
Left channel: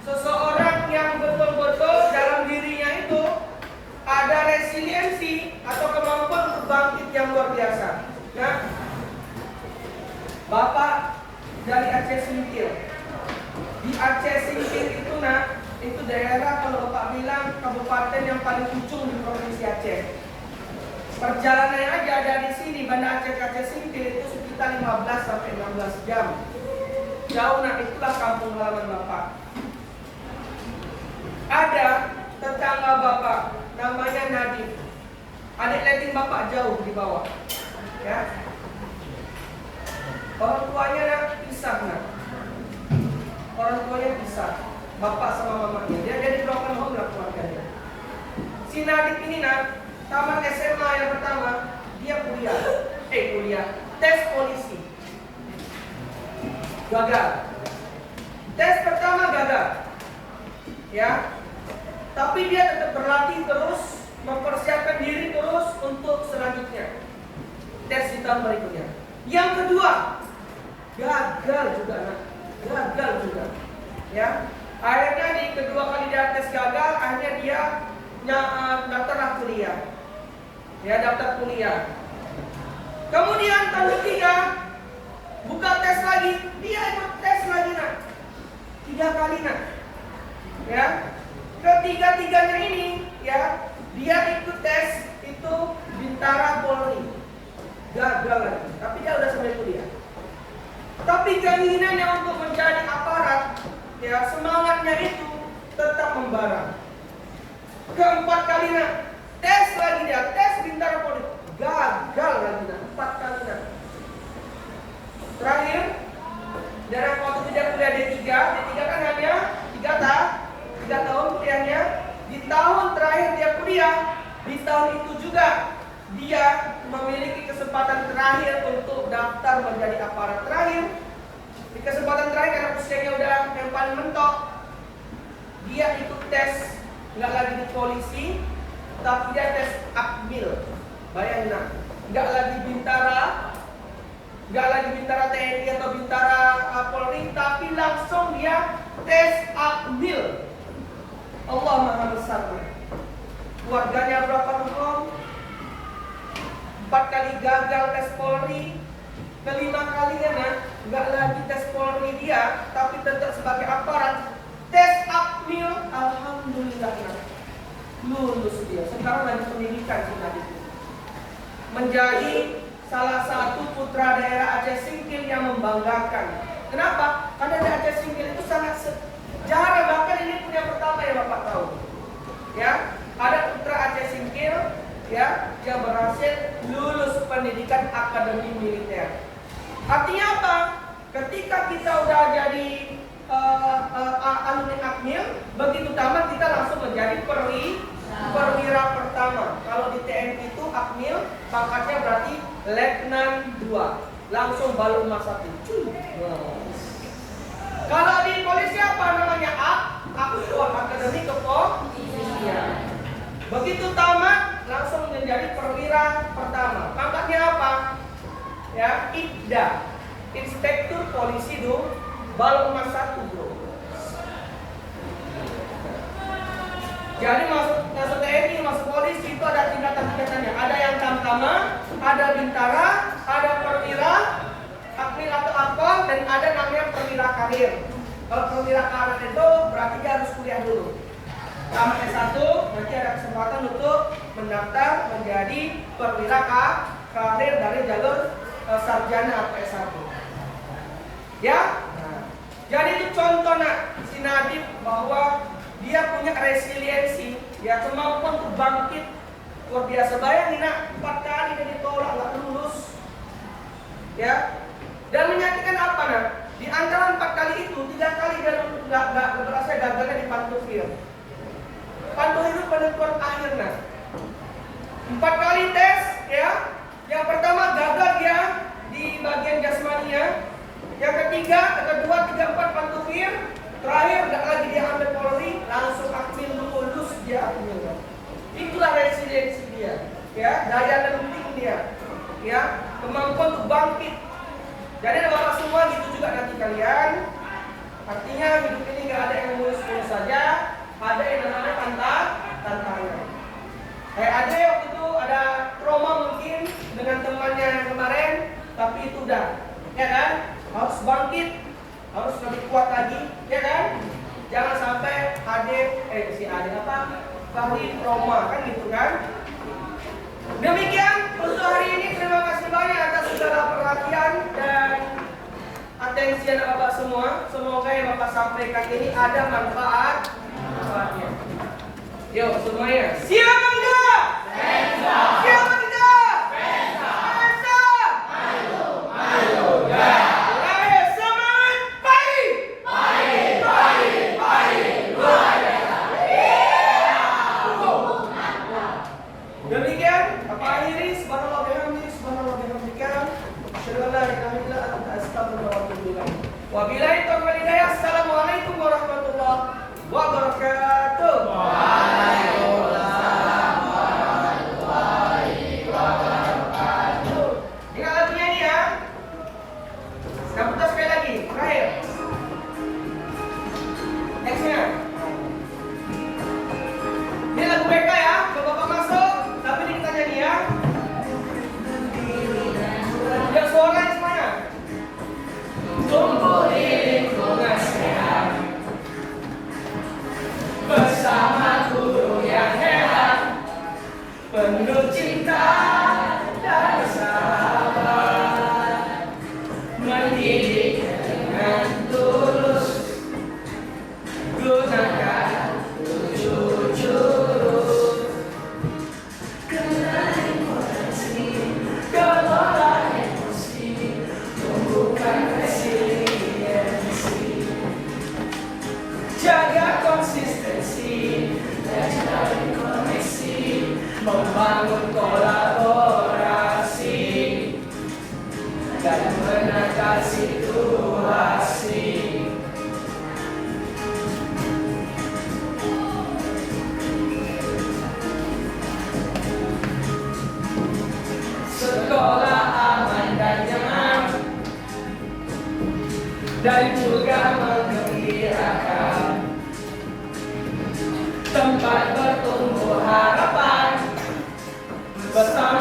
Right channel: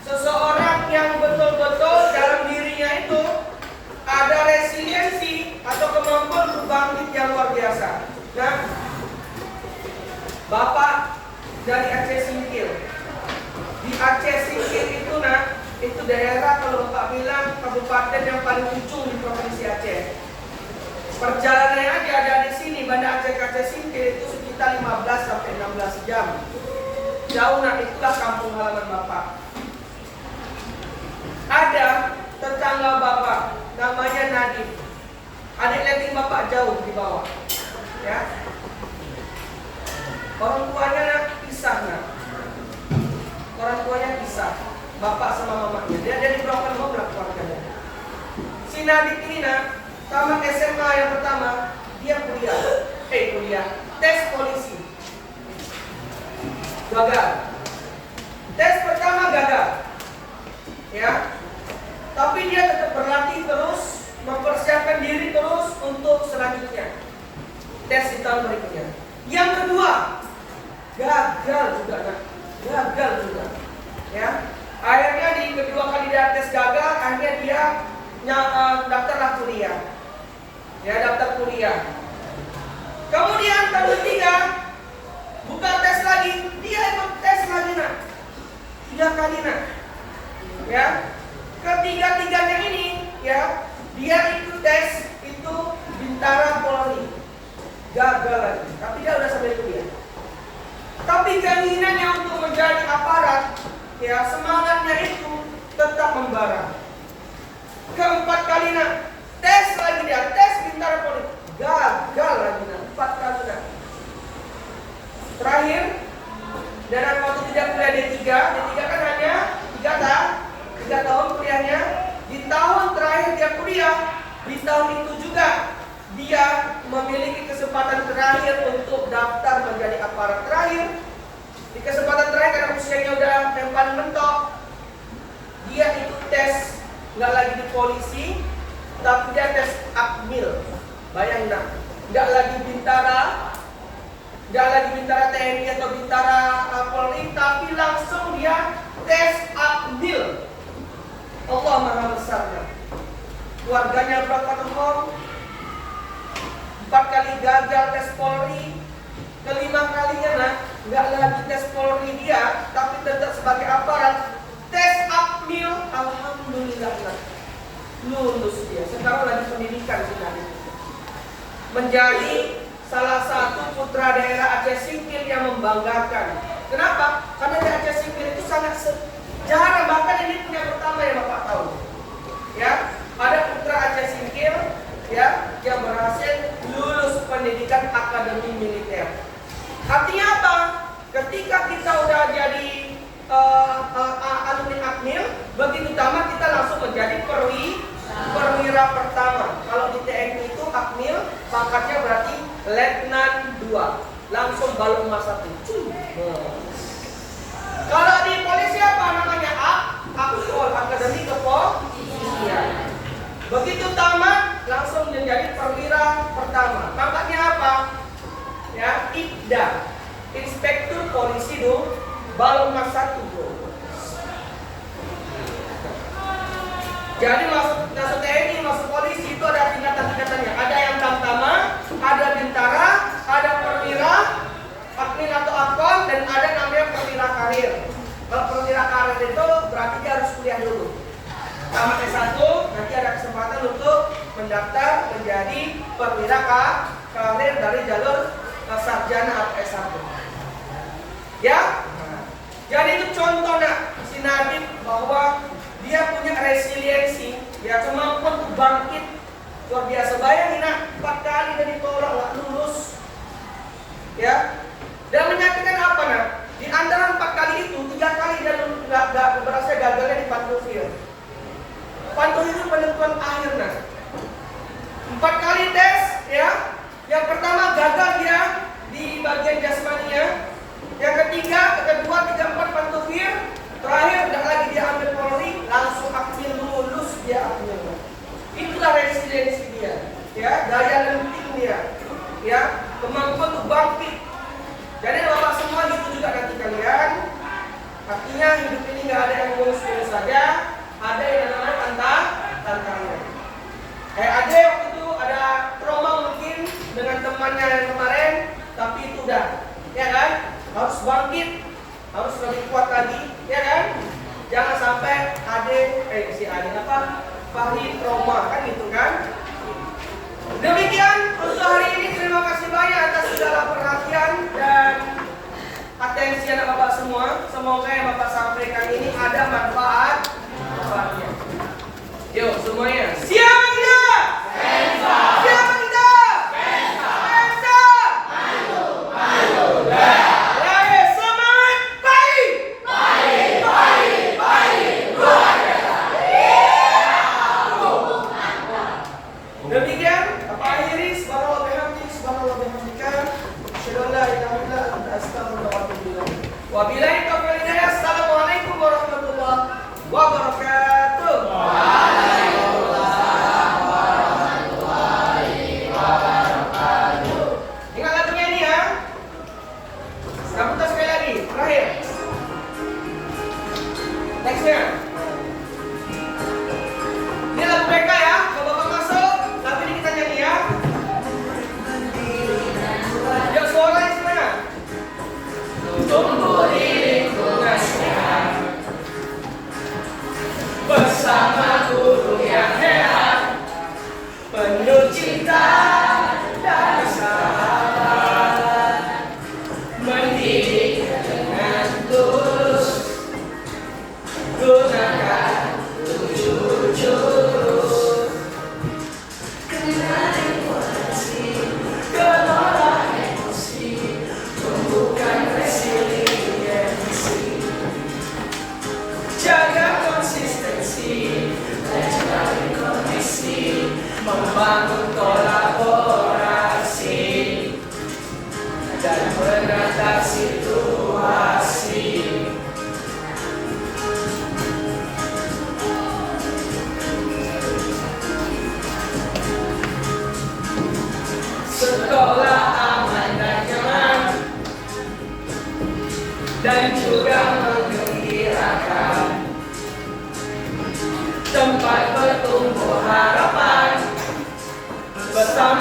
seseorang yang betul-betul dalam dirinya itu ada resiliensi atau kemampuan untuk bangkit yang luar biasa. Nah, Bapak dari Aceh Singkil. Di Aceh Singkil itu nah, itu daerah kalau Bapak bilang kabupaten yang paling ujung di provinsi Aceh. Perjalanan aja ada di sini Banda Aceh ke Aceh Singkil itu sekitar 15 sampai 16 jam. Jauh nah, itulah kampung halaman Bapak. Ada tetangga Bapak namanya Nadif. Adik lagi Bapak jauh di bawah. Ya. Orang tuanya pisah nah. Orang tuanya pisah, bapak sama mamanya. Dia dari broken home lah keluarganya. Si Nadif ini nah, tamat SMA yang pertama, dia kuliah, tes polisi. Gagal. Tes pertama gagal. Ya. Tapi dia tetap berlatih terus, mempersiapkan diri terus untuk selanjutnya. Tes di tahun berikutnya. Yang kedua, gagal juga nah. Gagal juga. Ya. Akhirnya di kedua kali dia tes gagal, akhirnya dia daftar kuliah. Ya, daftar kuliah. Kemudian tahun ketiga buka tes lagi, dia ikut tes lagi nak. 3 kali nak. Ya. Ketiga-tiganya ini ya, dia ikut tes itu Bintara Polri. Gagal lagi, tapi dia udah sampai kuliah. Tapi keinginannya untuk menjadi aparat, ya semangatnya itu tetap membara. Keempat kali nak, tes lagi dia, tes Bintara Polri, gagal lagi nak, 4 kali nak. Terakhir, dalam waktu tidak kuliah D3 kan hanya 3 tahun kuliahnya. Di tahun terakhir dia kuliah, di tahun itu juga dia memiliki kesempatan terakhir untuk daftar menjadi aparat terakhir. Di kesempatan terakhir karena usianya udah yang paling mentok, dia ikut tes, nggak lagi di polisi, tapi dia tes Akmil. Bayangin nak, nggak lagi Bintara TNI atau Bintara Polri, tapi langsung dia tes Akmil. Allah Maha Besarnya. Keluarganya broken home, 4 kali gagal tes Polri, kelima kalinya nah, nggak lagi tes Polri dia, tapi tetap sebagai aparat. Tes Akmil, alhamdulillah nah, lulus dia. Sekarang lagi pendidikan si Nadif. Menjadi salah satu putra daerah Aceh Singkil yang membanggakan. Kenapa? Karena di Aceh Singkil itu sangat jarang, bahkan ini yang pertama yang Bapak tahu. Ya, ada putra Aceh Singkil ya yang berhasil lulus pendidikan akademi militer. Artinya apa? Ketika kita udah jadi alumni Akmil, begitu tamat kita langsung menjadi perwira pertama. Kalau di TNI itu Akmil pangkatnya berarti Letnan 2, langsung balok emas 1. Kalau di polisi apa namanya? Akpol, Akademi Kepolisian. Begitu tamat langsung menjadi perwira pertama. Pangkatnya apa? Ya, IPDA, Inspektur Polisi balok emas 1, bro. Jadi masuk TNI, masuk polisi itu ada tingkatan-tingkatannya. Ada yang tamtama, ada bintara, ada perwira, akmil atau akpol, dan ada namanya perwira karir. Kalau perwira karir itu berarti dia harus kuliah dulu. Tamat S1, nanti ada kesempatan untuk mendaftar menjadi perwira karir dari jalur sarjana atau S1. Ya? Jadi itu contoh nak, si Nadif bahwa dia punya resiliensi, ya kemampuan untuk bangkit luar biasa. Bayangin nak, 4 kali dia ditolak nggak lulus, ya. Dan menyakitkan apa nak? Di antara 4 kali itu 3 kali dia nggak berhasil, gagalnya di Pantufil. Pantufil itu penentuan akhir nak. 4 kali tes, ya. Yang pertama gagal dia di bagian jasmaninya. Yang ketiga, kedua, 3, 4 Pantufil. Terakhir nggak lagi dia ambil Polri, langsung aktif lulus dia akhirnya. Itulah resiliensi dia, ya, daya lenting dia, ya, kemampuan untuk bangkit. Jadi bapak semua gitu juga nanti kalian. Artinya hidup ini nggak ada yang mulus-mulus saja, ada yang namanya tantangan. Ada waktu itu ada trauma mungkin dengan temannya yang kemarin, tapi itu udah, ya kan, harus bangkit, harus lebih kuat lagi, ya kan. Jangan sampai si Ade apa? Fahri trauma kan gitu kan. Demikian untuk hari ini, terima kasih banyak atas segala perhatian dan atensi anak bapak semua. Semoga yang bapak sampaikan ini ada manfaatnya. Yuk semuanya, siap tidak? Siap tidak? Demikian, Bapak akhiri. Subhanallah bihamdihi, subhanallah bihamdika, asyhadu an la ilaha illa anta, astaghfiruka wa atubu ilaik. Wabillahi taufiq wal hidayah. Assalamualaikum warahmatullahi wabarakatuh. Waalaikumsalam warahmatullahi wabarakatuh. Ingat lagunya ini ya. Yang putar sekali lagi, terakhir. Nextnya. Ini lagu BK ya. Kalau Bapak masuk, tapi ini kita nyanyi ya. Yang suaranya semuanya. Tumbuh di lingkungan sehat, bersama guru yang hebat, penuh cinta dan sahabat, mendidik dengan tulus, gunakan 7 jurus. Kelola emosi, tumbuhkan resiliensi, jaga konsistensi, dan jalin koneksi, membangun kolaborasi, dan menata situasi. Sekolah aman dan nyaman, dan juga menggembirakan, tempat bertumbuh harapan bersama